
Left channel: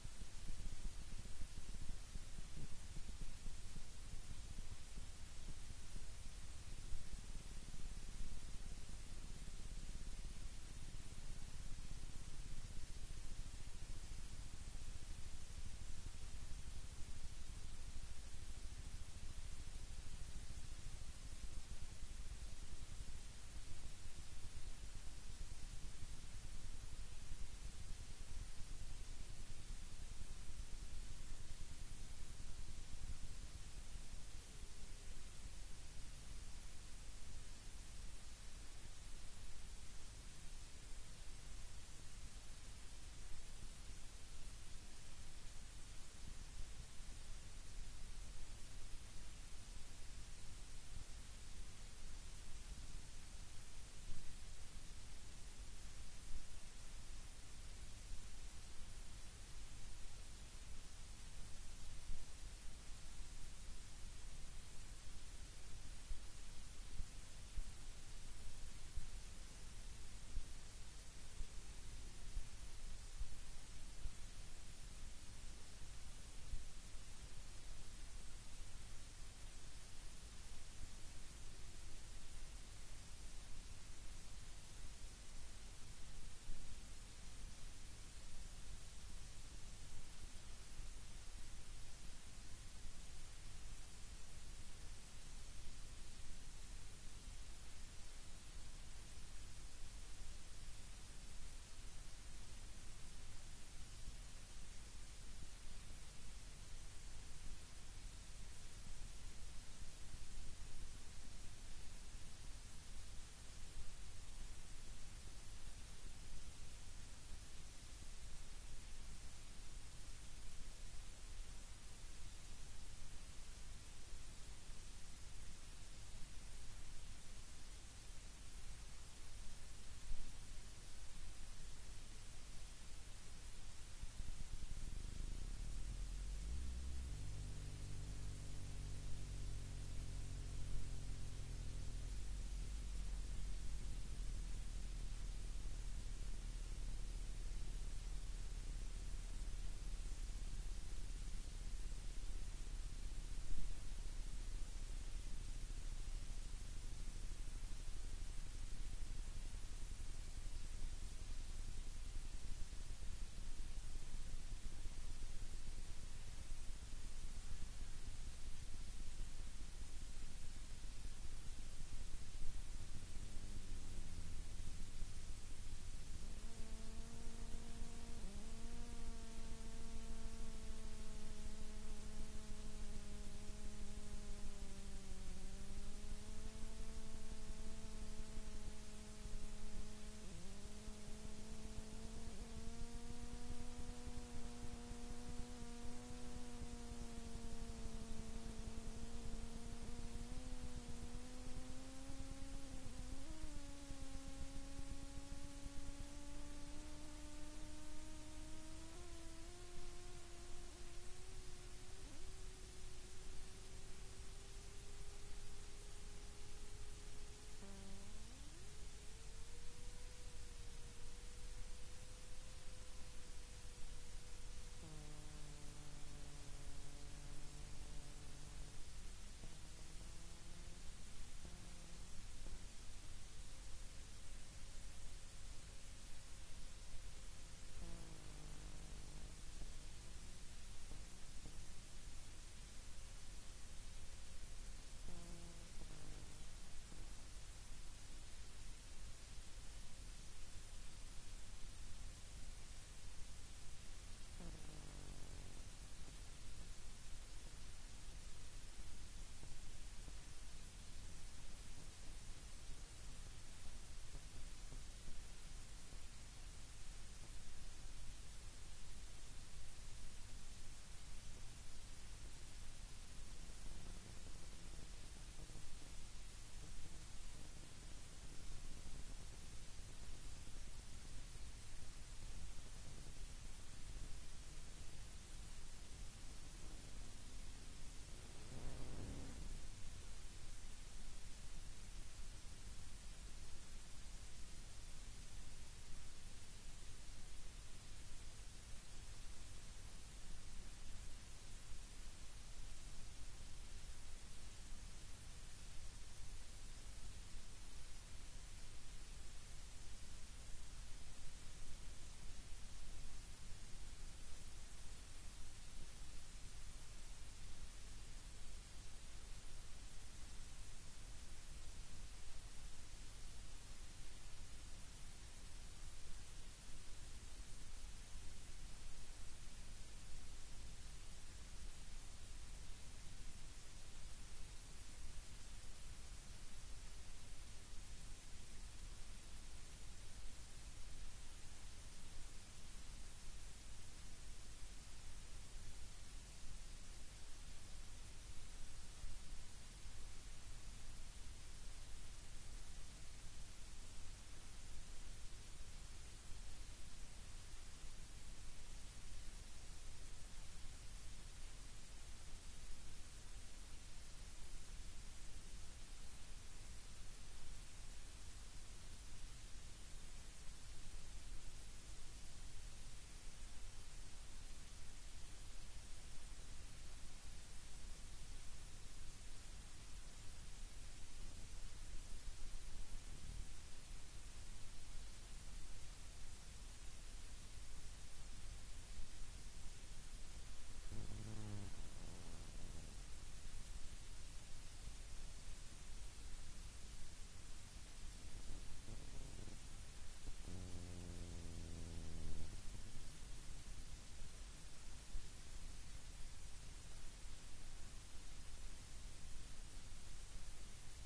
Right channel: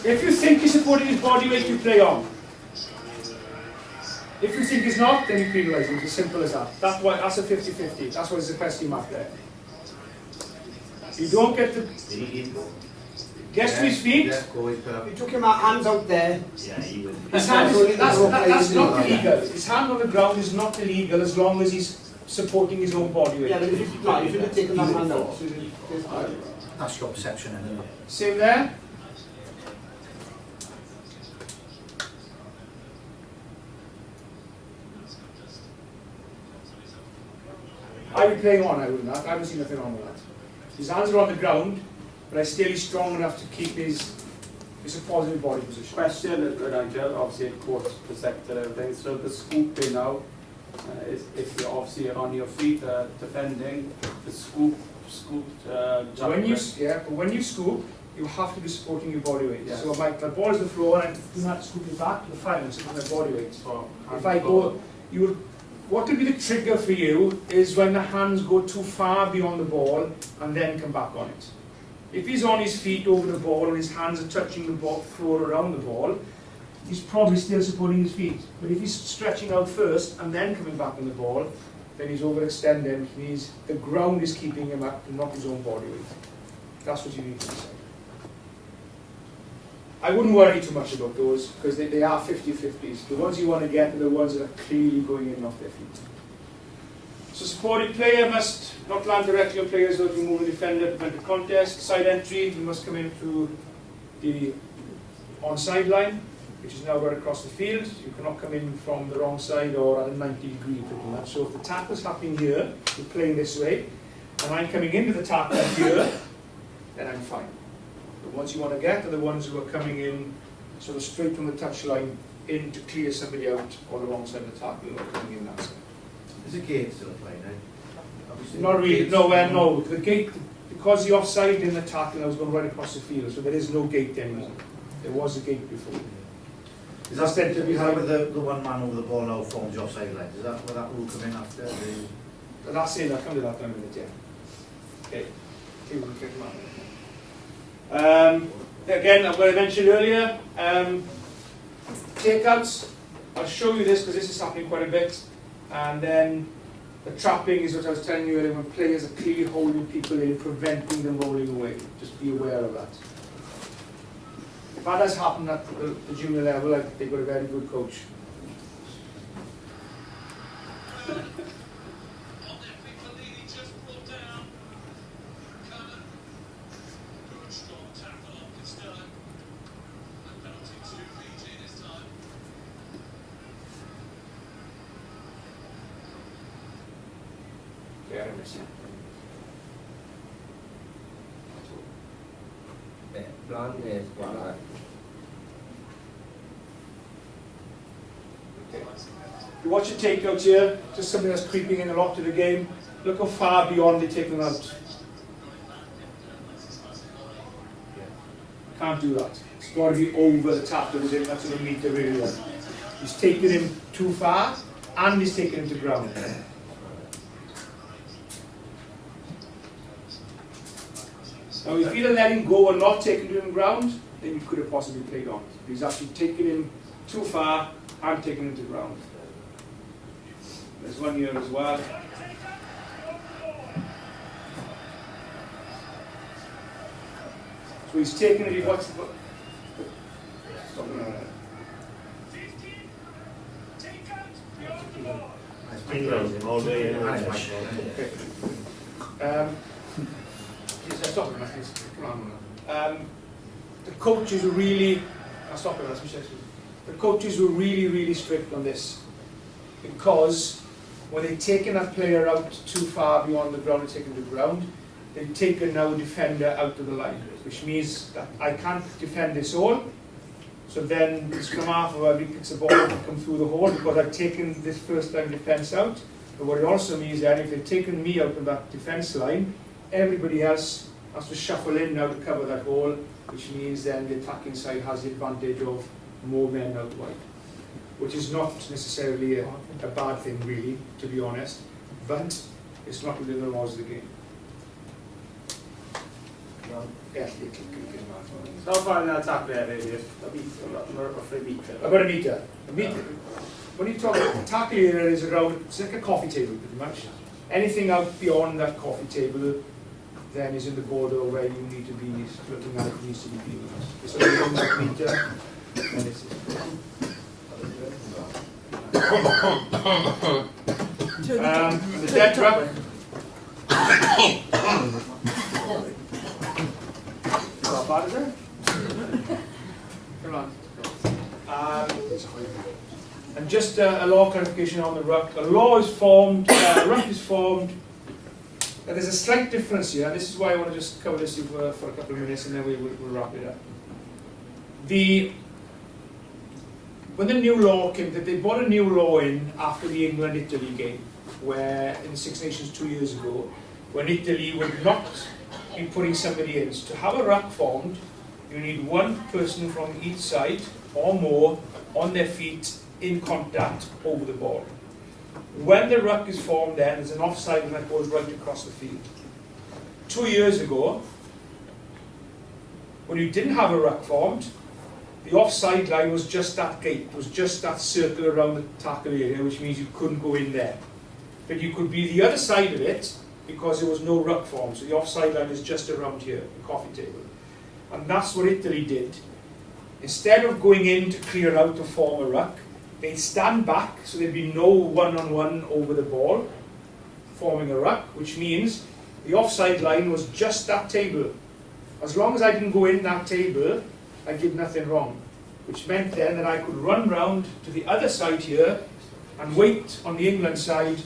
If you think he's supporting his body weight, you play on. If you think he's not, then you penalise him. It's as simple as that. That's a 50-50. That's why there's a question mark there. You don't get to gets to his feet. Yeah, go away, You took him hands out there. Yeah, he would. His hand is, that's not illegal. His hand on the ground is not illegal as long as he's supporting his own body weight. Yeah, but if you had taken that hand out. That's your perception, isn't it? Same there. I would be playing on, I would not. I haven't seen nothing wrong with that. His hands are on the ground, but I still he's strong enough to keep his a positive body position. Question, Nigel, obviously court's protected everything, so the scooping now, is if you're obviously on your feet defending, the scooped So when you scoop, you have to be supporting your body weight. Yes. So my ball is the floor and I do not scoop it back, you're fine, I'm supporting my body weight. So If I go, what would be the trigger for you is when the hands go too far beyond the ball and then come back on it. If he's on his feet over the ball and his hands are touching the floor around the ball, he's probably still supporting his feet. But if he's stretching out first and then coming back on the ball, then he's overextending. The ground is keeping him up and not his own body weight. That's what you need to decide. I wouldn't worry too much about those because they are 50-50s. The ones you want to get are the ones that are clearly going in off their feet. So supported player must not land directly on players who have removed the defender to prevent the contest. Side entry, you must come in through the onside line, which is now right across the field. You cannot come in from the wrong side or at a 90 degree pretty much. So if the tackle's happening here, you're playing this way, and I'm coming into the tackle here, then I'm fine. The ones you want to get are the ones who are coming in sort of straight from the touchline in to clear somebody out or the wrong side of the tackle or coming in that side. There's a gate still playing, eh? Not really, no. The gate, because the offside in the tackle, I was going right across the field, so there is no gate anymore. There was a gate before. Is that meant to be how with the one man over the ball now forms your offside line? Is that where that rule come in after? That's it, I'll come to that in a minute, yeah. Okay. Okay, we'll get them out. Again, what I mentioned earlier, takeouts. I'll show you this because this is happening quite a bit. And then the trapping is what I was telling you earlier, when players are clearly holding people in, preventing them rolling away. Just be aware of that. If that has happened at the junior level, they've got a very good coach. Plan neu chwarae. You watch the takeouts here, just something that's creeping in a lot to the game. Look how far beyond they take them out. Can't do that. It's got to be over the tackle, that's what a meter really is. He's taken him too far, and he's taken him to ground. Now, if he'd have let him go and not taken him to ground, then he could have possibly played on. He's actually taken him too far and taken him to ground. There's one here as well. So he's taken it, what's the... All day anyway. Stop it, come on. The coaches were really... I'll stop it, the coaches were really strict on this, because when they'd taken that player out too far beyond the ground and taken to the ground, they'd taken now a defender out of the line, which means that I can't defend this all. So then the scrum half or whoever picks the ball up and come through the hole because I've taken this first line defence out. But what it also means that if they've taken me out of that defence line, everybody else has to shuffle in now to cover that hole, which means then the attacking side has the advantage of more men out wide, which is not necessarily a bad thing really, to be honest, but it's not within the laws of the game. So far in that attack there, maybe roughly a meter. About a metre. When you talk about tackle area is around, it's like a coffee table pretty much. Anything out beyond that coffee table then is in the border where you need to be looking at it needs to be viewed. It's around that metre and it's the dead ruck. How bad is it? Come on. And just a law clarification on the ruck. A law is formed, ruck is formed. There's a slight difference here, and this is why I want to just cover this for a couple of minutes and then we'll wrap it up. When the new law came, they brought a new law in after the England-Italy game, where in the Six Nations 2 years ago, when Italy would not be putting somebody in. So to have a ruck formed, you need one person from each side or more on their feet in contact over the ball. When the ruck is formed then, there's an offside line that goes right across the field. 2 years ago, when you didn't have a ruck formed, the offside line was just that gate, was just that circle around the tackle area, which means you couldn't go in there. But you could be the other side of it because there was no ruck formed. So the offside line is just around here, the coffee table. And that's what Italy did. Instead of going in to clear out to form a ruck, they'd stand back, so there'd be no one-on-one over the ball, forming a ruck, which means the offside line was just that table. As long as I didn't go in that table, I did nothing wrong. Which meant then that I could run round to the other side here and wait on the England side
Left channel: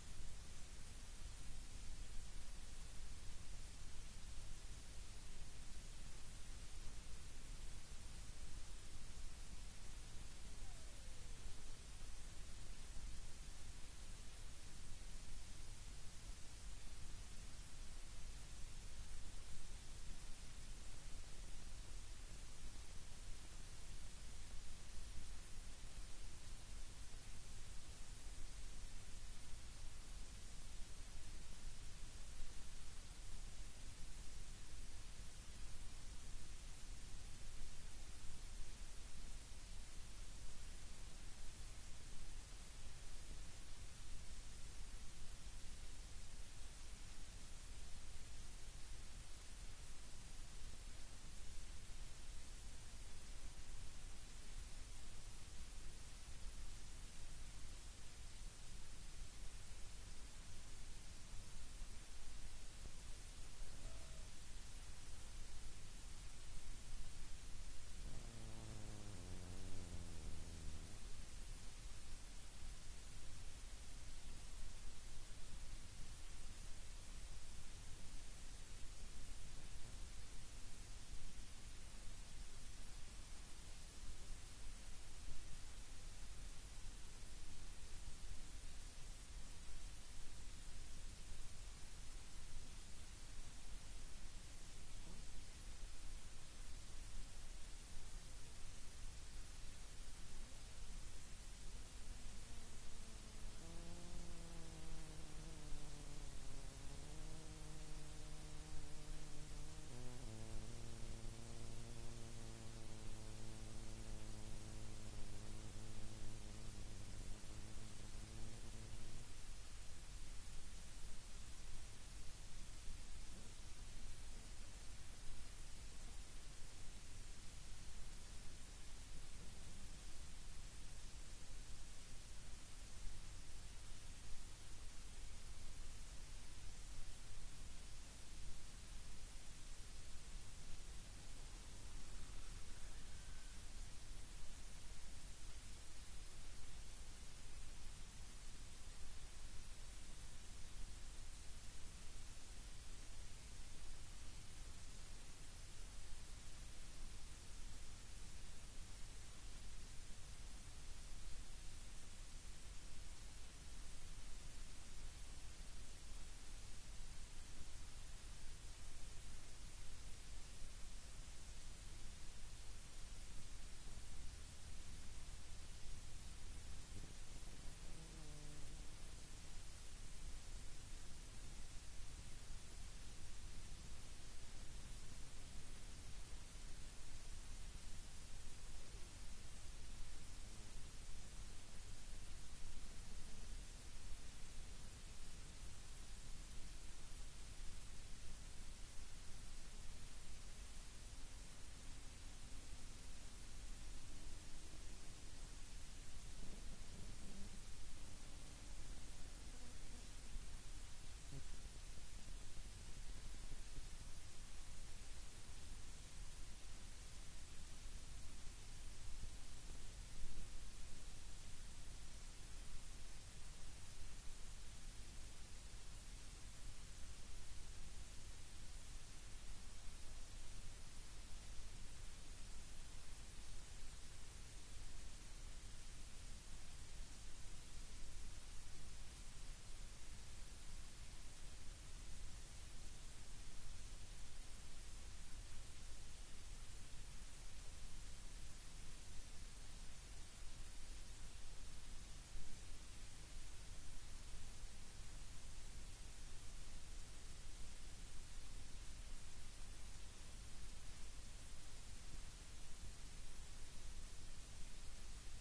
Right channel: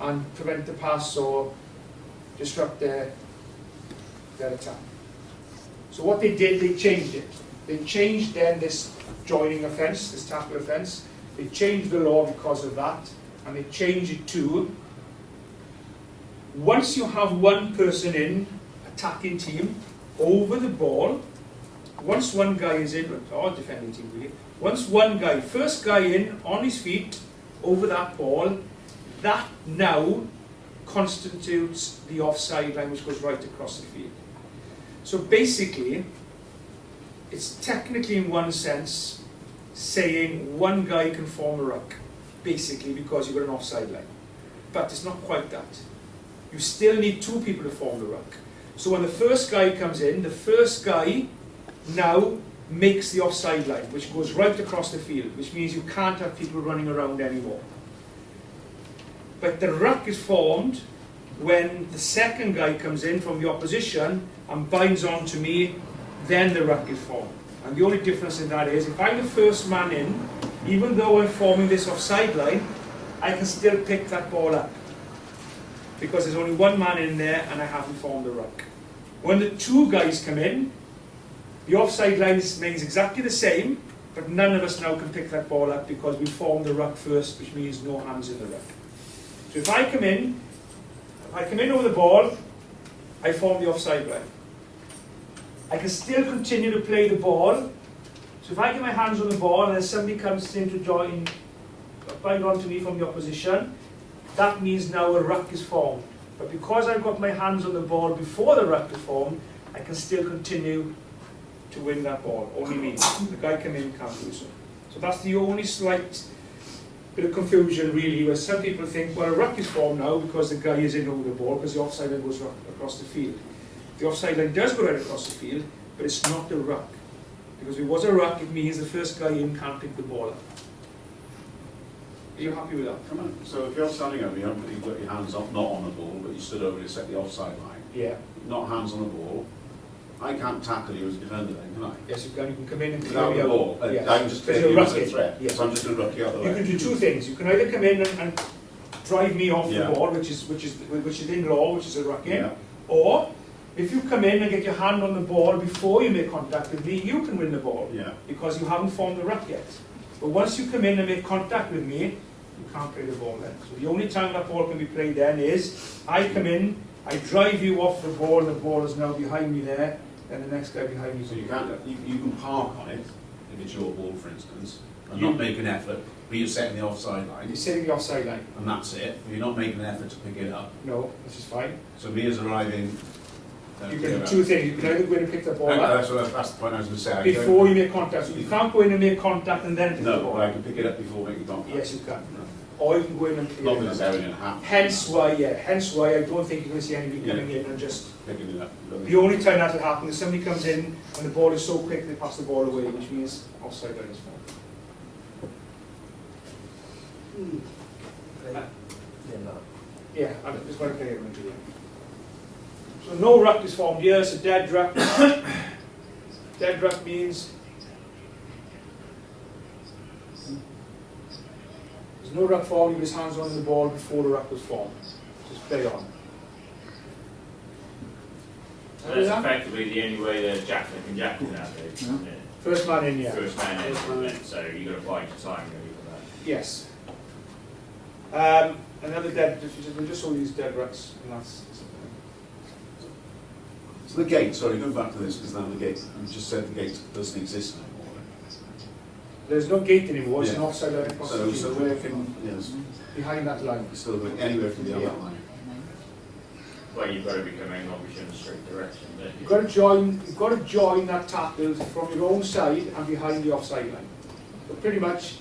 and prevent the pass or disrupt their attack. So what they did, they changed it. They changed then this joining offence, this tackle offence. They changed the law because of that, and they changed it to, once you have one person in, attacking team, over the ball, once one guy is in, or defending team really, once one guy, first guy in, on his feet, over that ball, that now constitutes the offside line which goes right across the field. So basically, it's technically in one sense saying one guy can form a ruck, basically because you've got an offside line. But it's not quite that. You still need two people to form the ruck. So when the first guy comes in, the first guy now makes the offside line, which goes right across the field, which means you can't have people running around anymore. But the ruck is formed when the second guy comes in from the opposition and binds on to me, then the ruck is formed. And the only difference in that is, if I'm the first man in, even though I'm forming this offside line, I can still pick that ball up. Because there's only one man in there and I haven't formed the ruck. When the two guys come in, The offside line remains exactly the same, but none of us now can pick that ball up because we formed the ruck first, which means no hands in the ruck. So if I come in over the ball, I form the offside line. I can still continue to play the ball. So if I get my hands on the ball and then somebody comes in to bind onto me from the opposition, that means now a ruck is formed. But because I've got my hands on the ball before the ruck is formed, I can still continue to win that ball. Only me. The guy coming in can't do so. So that's the only slight bit of confusion really, where some people think, well, a ruck is formed now because the guy is in over the ball because the offside line goes across the field. The offside line does go right across the field, but it's not a ruck. Because if it was a ruck, it means the first guy in can't pick the ball up. Are you happy with that? Come on. So if you're standing over, you've got your hands up, not on the ball, but you stood over to set the offside line. Yeah. Not hands on the ball. I can't tackle you as a defender then, can I? Yes, you can come in and Without clear the me out. ball. Yes. I can just Because take you're you as a rucking. threat. Yes. So I'm just going to ruck you out the way. You can do two things. You can either come in and drive me off Yeah. the ball, which is in law, which is a rucking, Yeah. or if you come in and get your hand on the ball before you make contact with me, you can win the ball Yeah. because you haven't formed the ruck yet. But once you come in and make contact with me, you can't play the ball then. So the only time that ball can be played then is I come in, I drive you off the ball is now behind me there, and the next guy behind me. So you can park on it if it's your ball, for instance, and You- not make an effort, but you're setting the offside line, You're setting the offside line. and that's it. You're not making an effort to pick it up. No, this is fine. So me as arriving. You can do two things. You can either go in and pick the ball up That's the point I was going to say. before you make contact. So you can't go in and make contact and then pick the No, ball but I up. can pick it up before making contact. Yes, you can. Or you can go in and clear Not it that it's up. ever going to happen. Hence why I don't think you're going to see anybody coming in and just... Picking it up. The only time that will happen is somebody comes in and the ball is so quick they pass the ball away, which means offside line is formed. Yeah, I'm just going to play it into you. So no ruck is formed here, so dead ruck. Dead ruck means there's no ruck formed, with his hands on the ball before the ruck was formed. Just play on. So that's effectively the only way the jackal can jackal nowadays, isn't it? First man in, yeah. First man in, so you've got to bide your time really for that. Yes. Another dead, we'll just all use dead rucks, and that's So the gate, sorry, go back to this, because now the gate, you just said the gate doesn't exist anymore. there's no gate anymore, it's an Yeah. offside line across the So field, where can, yes, behind that line. it's still going anywhere from the other Yeah. line. Well, you've got to be coming obviously in a straight direction, don't you? You've got to join that tackle from your own side and behind the offside line. But pretty much,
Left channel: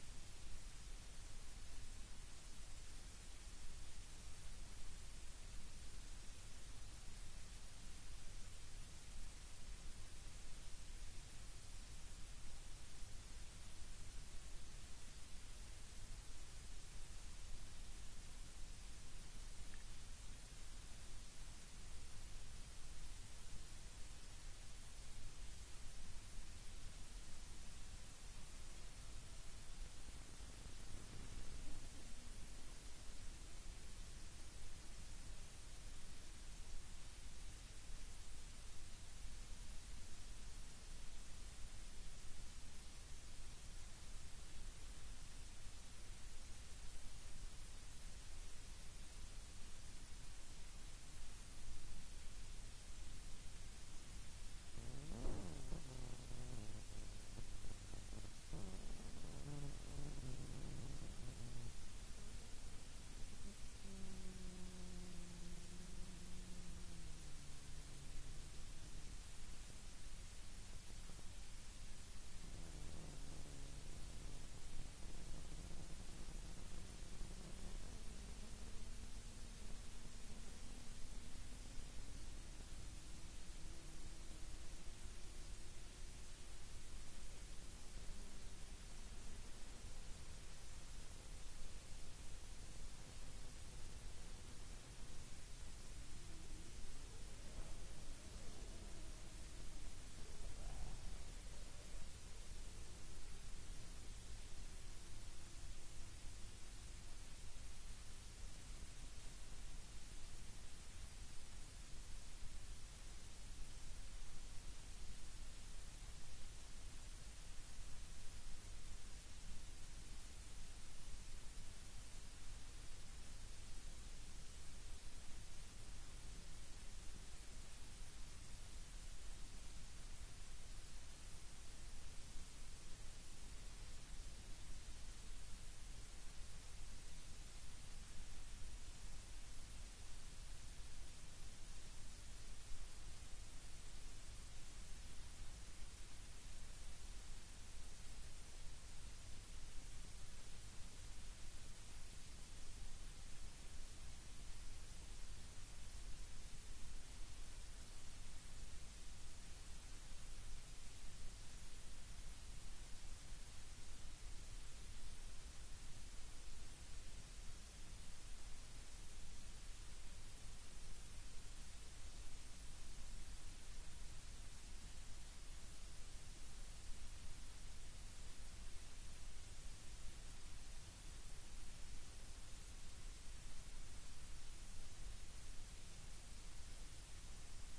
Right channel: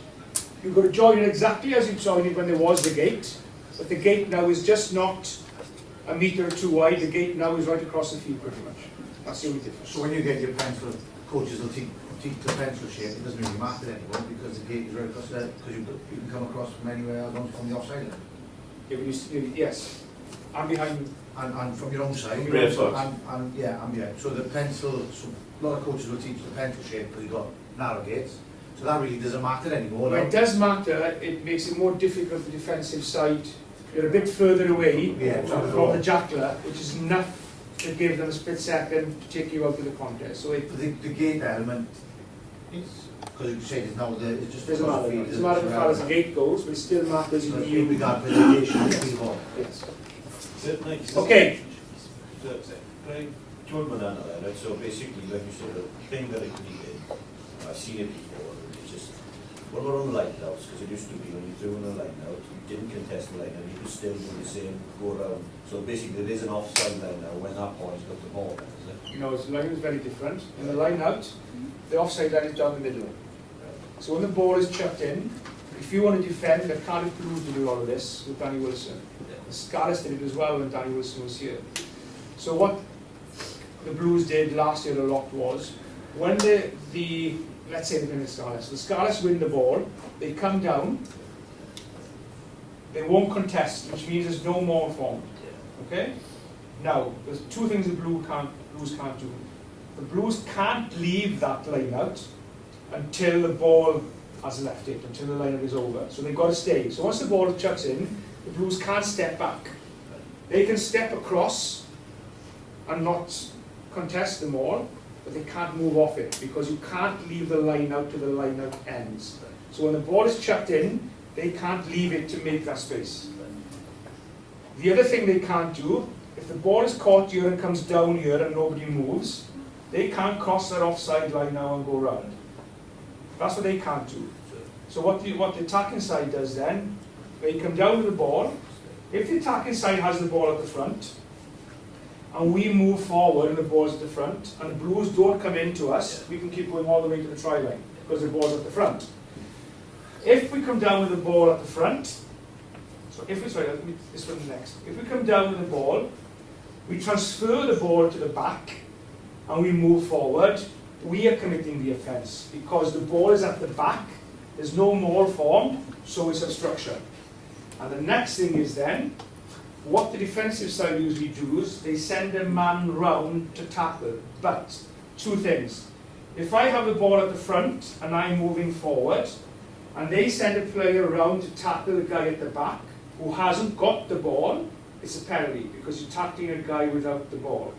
you've got to join it exactly as you joined it when there was the gate, but the gate now is just not a metre or two wide, the gate now is right across the field pretty much. That's the only difference. So when you get your pencil, coaches will teach the pencil shape, it doesn't really matter anymore because the gate is right across there, because you can come across from anywhere else from the offside line. Yeah, but yes, I'm behind. And from your own side. Rear foot. And yeah. So the pencil, so a lot of coaches will teach the pencil shape because you've got narrow gates. So that really doesn't matter anymore. Well, it does matter, it makes it more difficult for the defensive side. You're a bit further away from the jackler, which is enough to give them a split second to take you out of the contest. So it The gate element, because you say it's now it's just doesn't matter. It doesn't matter how far as the gate goes, but it still matters in in regard to the location of the ball. Yes. Nice. Okay. Join with that, right? So basically, like you said, the thing that it did, I've seen it before, it's just, what about on the line outs? Because it used to be when you threw in a line out, you didn't contest the line out, you could still do the same, go around. So basically, there is an offside line now when that boy's got the ball, is it? You know, the line is very different. In the line out, the offside line is down the middle. So when the ball is chucked in, if you want to defend, the Cardiff Blues did a lot of this with Danny Wilson. The Scarlets did it as well when Danny Wilson was here. So what the Blues did last year a lot was, when let's say they're in the Scarlets win the ball, they come down, they won't contest, which means there's no more formed. Okay? Now, there's two things the Blues can't do. The Blues can't leave that line out until the ball has left it, until the line is over. So they've got to stay. So once the ball chucks in, the Blues can't step back. They can step across and not contest them all, but they can't move off it because you can't leave the line out to the line out ends. So when the ball is chucked in, they can't leave it to make that space. The other thing they can't do, if the ball is caught here and comes down here and nobody moves, they can't cross that offside line now and go round. That's what they can't do. So what the attacking side does then, they come down with the ball. If the attacking side has the ball at the front, and we move forward and the ball's at the front, and the Blues don't come into us, we can keep going all the way to the try line because the ball's at the front. If we come down with the ball at the front, so if we, sorry, let me, this one next. If we come down with the ball, we transfer the ball to the back, and we move forward, we are committing the offence because the ball is at the back, there's no maul formed, so it's obstruction. And the next thing is then, what the defensive side usually do is they send a man round to tackle. But two things. If I have the ball at the front and I'm moving forward, and they send a player around to tackle the guy at the back who hasn't got the ball, it's a penalty because you're tackling a guy without the ball.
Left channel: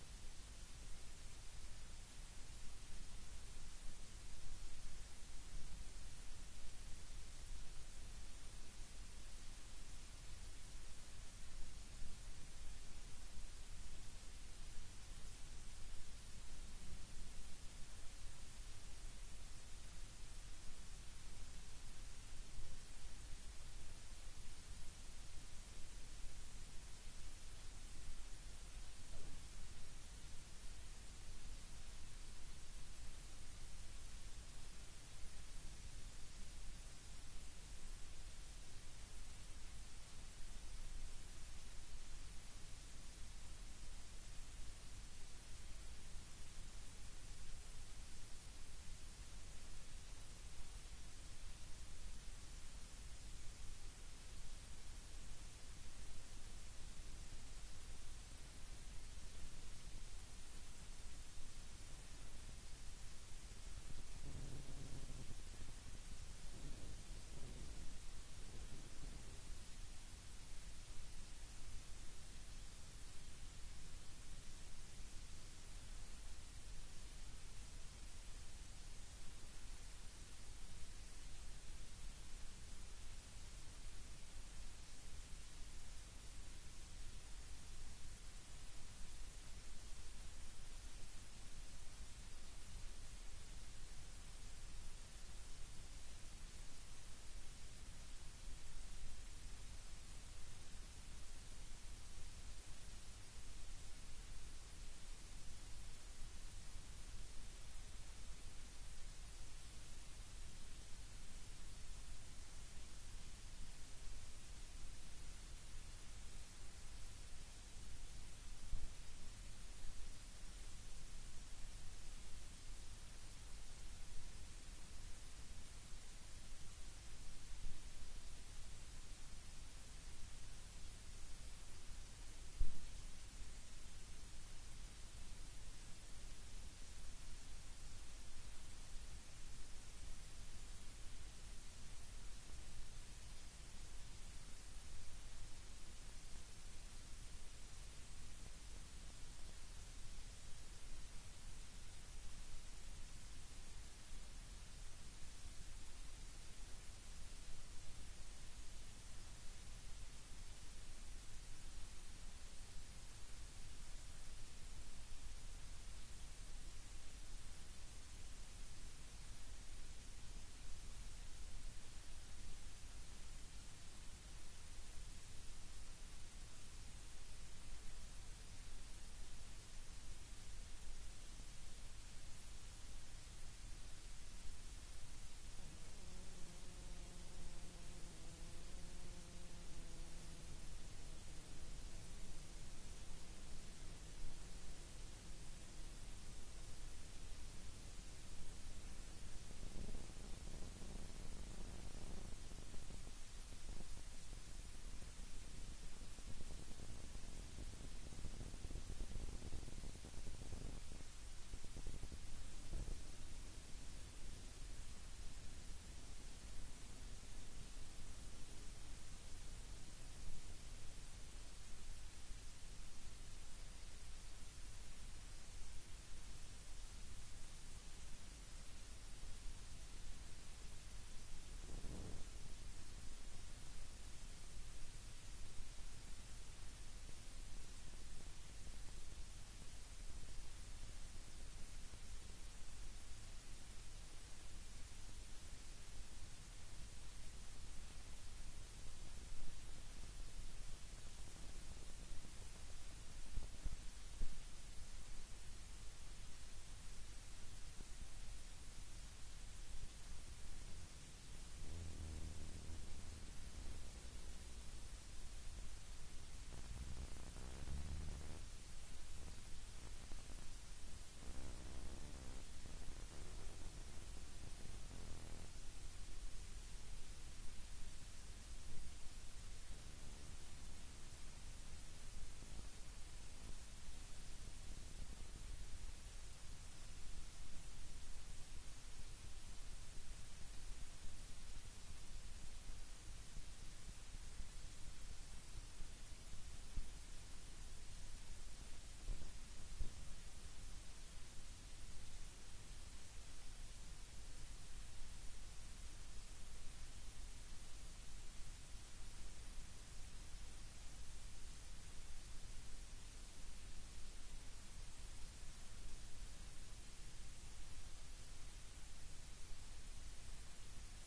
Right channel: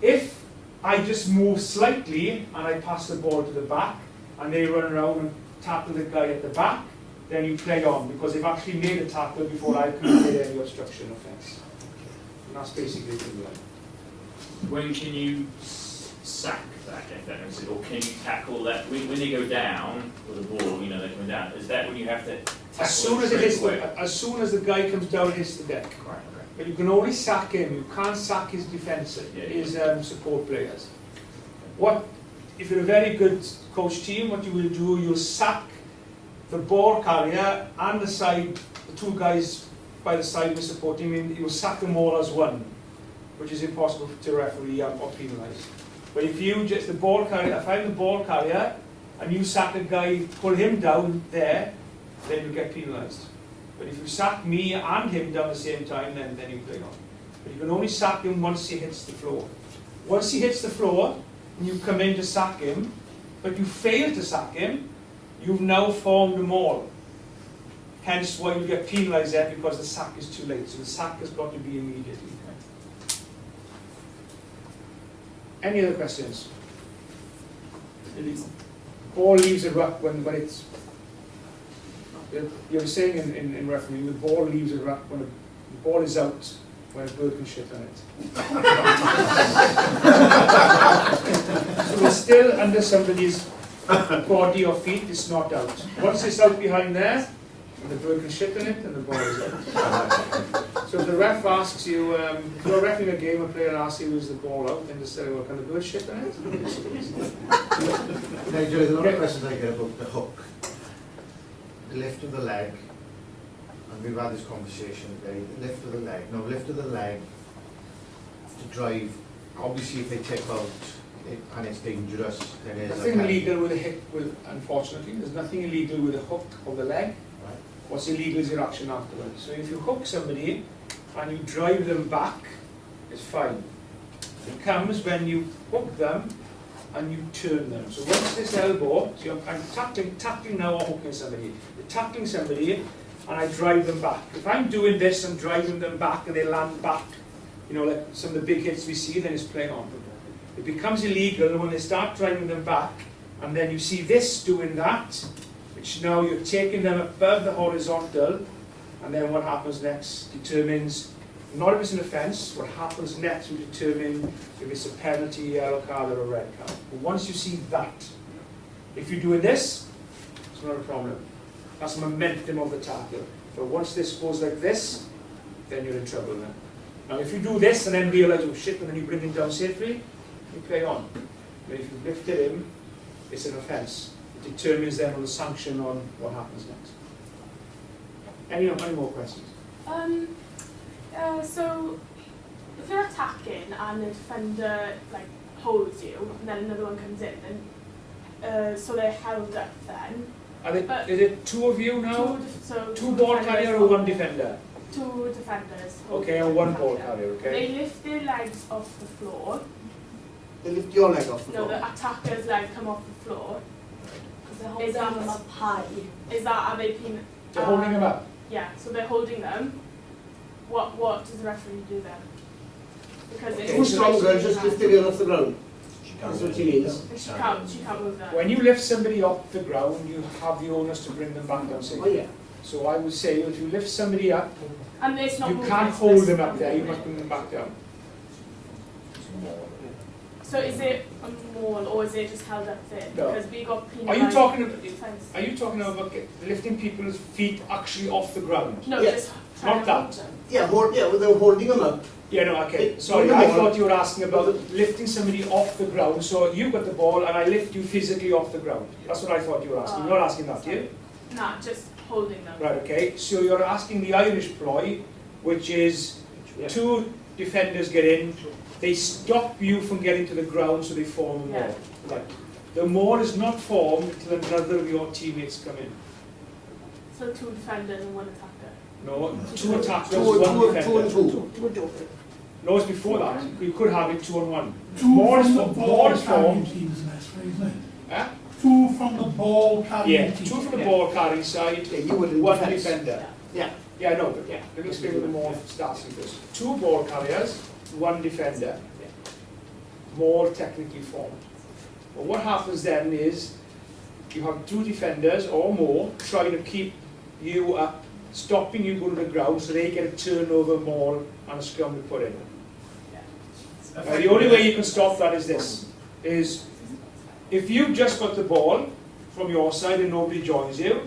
If I just move slightly and I pass the ball to the back and they run around and tackle the guy at the back, then you play on because they've actually made a tackle before I committed any obstruction offence. And that's basically the line. When can you sack that defence, or can you tackle that when they go down with the ball? You know they're coming down. Is that when you have to tackle as soon as it hits as soon as the guy comes down and hits the deck. Right. Okay. But you can only sack him. You can't sack his defence, his support players. What if you're a very good coach team? What you will do, you'll sack the ball carrier and the side, the two guys by the side who support him. You'll sack them all as one, which is impossible to referee or penalise. But if you just the ball carrier, if I'm the ball carrier and you sack a guy, pull him down there, then you get penalised. But if you sack me and him down at the same time, then you play on. But you can only sack him once he hits the floor. Once he hits the floor, and you come in to sack him, but you fail to sack him, you've now formed a maul. Hence why you get penalised there because the sack is too late. So the sack has got to be immediately. Any other questions? The ball leaves a ruck when it's. You're saying in refereeing, the ball leaves a ruck when the ball is out when a bird can shit on it. So it's still under somebody's body or feet, it's not out. Once it's out behind there, the bird can shit on it and the ball is out. So if the ref asks you, if you're refereeing a game, a player asks you, is the ball out? Then just say, well, can the bird shit on it? Nigel, there's a lot of questions I get about the hook. The lift of the leg, and we've had this conversation today, the lift of the leg. No, lift of the leg to drive, obviously if they tip out it, and it's dangerous, then there's nothing illegal with a hit, unfortunately, there's nothing illegal with a hook of the leg. Right. What's illegal is your action afterwards. So if you hook somebody and you drive them back, it's fine. It comes when you hook them and you turn them. So once this elbow, so I'm tackling now or hooking somebody. You're tackling somebody and I drive them back. If I'm doing this and driving them back and they land back, you know, like some of the big hits we see, then it's playing on. It becomes illegal when they start driving them back and then you see this doing that, which now you're taking them above the horizontal, and then what happens next determines not if it's an offence, what happens next will determine if it's a penalty, yellow card or a red card. But once you see that, if you're doing this, it's not a problem. That's the momentum of the tackle. But once this goes like this, then you're in trouble then. Now if you do this and then realise, oh shit, and then you bring him down safely, you play on. But if you lifted him, it's an offence. It determines then on the sanction on what happens next. Any more questions? So if you're attacking and the defender like holds you and then another one comes in, then so they're held up then. Is it two of you now? Two ball carrier or one defender? Two defenders. Okay, or one ball carrier, okay? They lift their legs off the floor. They lift your leg off the floor? No, the attacker's leg come off the floor. Is that them up high? Is that how they can... They're holding them up? Yeah, so they're holding them. What does the referee do then? Because Too stronger, just lift it off the ground. That's what she is. She can't move that. When you lift somebody off the ground, you have the onus to bring them back down safely. Oh, yeah. So I would say if you lift somebody up, And it's not you moving, can't it's hold this them up one. there, you must bring them back down. So is it a maul or is it just held up there? No. Because we got Are penalised. you talking about, Fence. are you talking about lifting people's feet actually off the ground? No, Yes. just trying Not to that. hold them. Yeah, they're holding them up. Yeah, no, okay. It- Sorry, no, I no. thought you were asking about lifting somebody off the ground. So you've got the ball and I lift you physically off the ground. That's what I thought you were asking. You're not asking that, are you? Nah, just holding them. Right, okay. So you're asking the Irish ploy, which is two defenders get in, they stop you from getting to the ground so they form a maul. Yeah. Right. The maul is not formed until another of your teammates come in. So 2 defenders and 1 attacker. No, 2 attackers, Two 1 and defender. two. No, it's before that. You could have it 2-on-1. Two Maul is from the formed. ball Maul is carrying formed. team is the best way, isn't it? Huh? 2 from the ball carrying Yeah, team. 2 from the ball carrying side, Yeah, you would in 1 defence. defender. Yeah. Yeah, I know, but yeah, let me explain what the maul starts with this. 2 ball carriers, 1 defender. Maul technically formed. But what happens then is you have 2 defenders or more trying to keep you up, stopping you going to the ground so they get a turnover maul and a scrum to put in. Now, the only way you can stop that is this, is if you've just got the ball from your side and nobody joins you,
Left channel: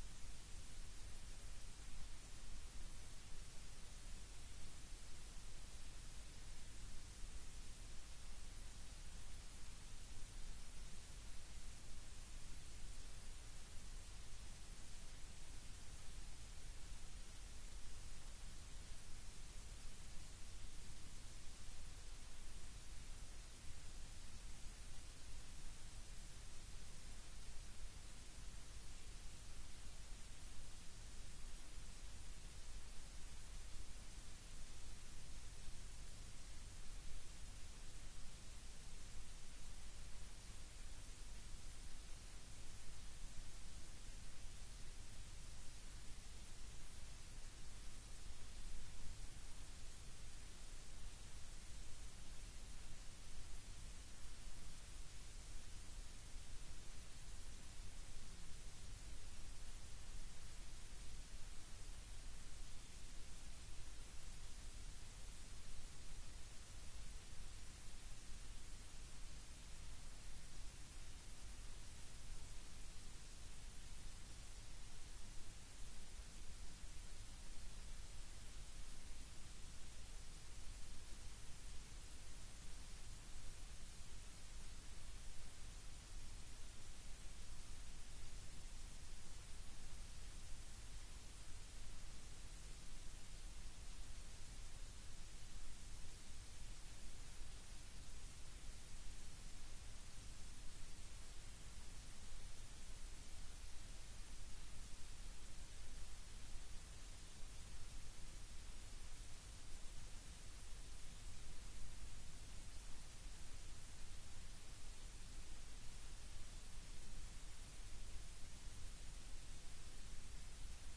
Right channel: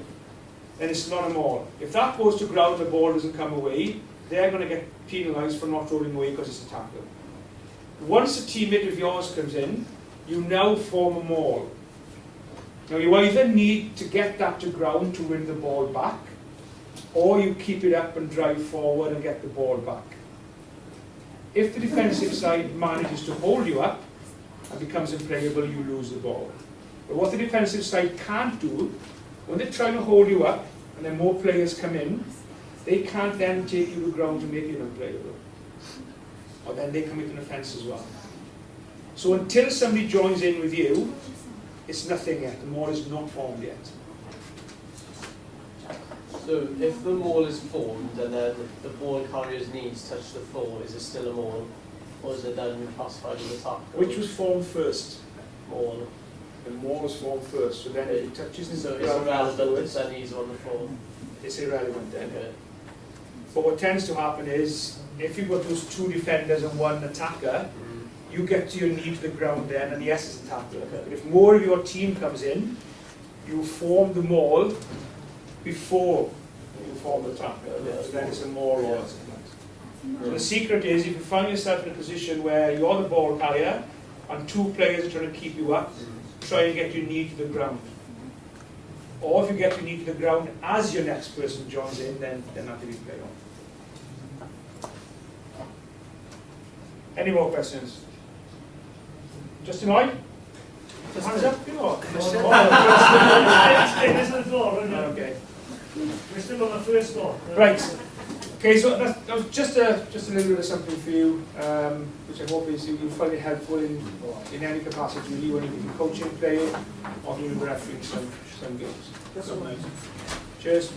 then it's not a maul. If that goes to ground and the ball doesn't come away, they're going to get penalised for not rolling away because it's a tackle. Once a teammate of yours comes in, you now form a maul. Now you either need to get that to ground to win the ball back, or you keep it up and drive forward and get the ball back. If the defensive side manages to hold you up and becomes unplayable, you lose the ball. But what the defensive side can't do, when they're trying to hold you up and then more players come in, they can't then take you to the ground to make you unplayable. Or then they commit an offence as well. So until somebody joins in with you, it's nothing yet. The maul is not formed yet. So if the maul is formed and then the ball carrier's knees touch the floor, is it still a maul? Or is it then classified as a tackle? Which was formed first? Maul. The maul was formed first, so then if it touches the So it's ground irrelevant afterwards, if their knees are on the floor. it's irrelevant then. Okay. But what tends to happen is, if you've got those 2 defenders and 1 attacker, you get to your knee to the ground then, and yes, it's a tackle. Okay. But if more of your team comes in, you form the maul before you form the tackle. Yeah. So then it's a maul or Yeah. something. So the secret is, if you find yourself in a position where you're the ball carrier and 2 players are trying to keep you up, try and get your knee to the ground. Or if you get your knee to the ground as your next person joins in, then that will be played on. Any more questions? Justin Lloyd? Hands up, you know. Okay. We're still on the first one. Right. Okay, so that was just a little bit of something for you, which I hope is you'll find it helpful in any capacity, really, when you're coaching, playing, or even refereeing some games. Cheers.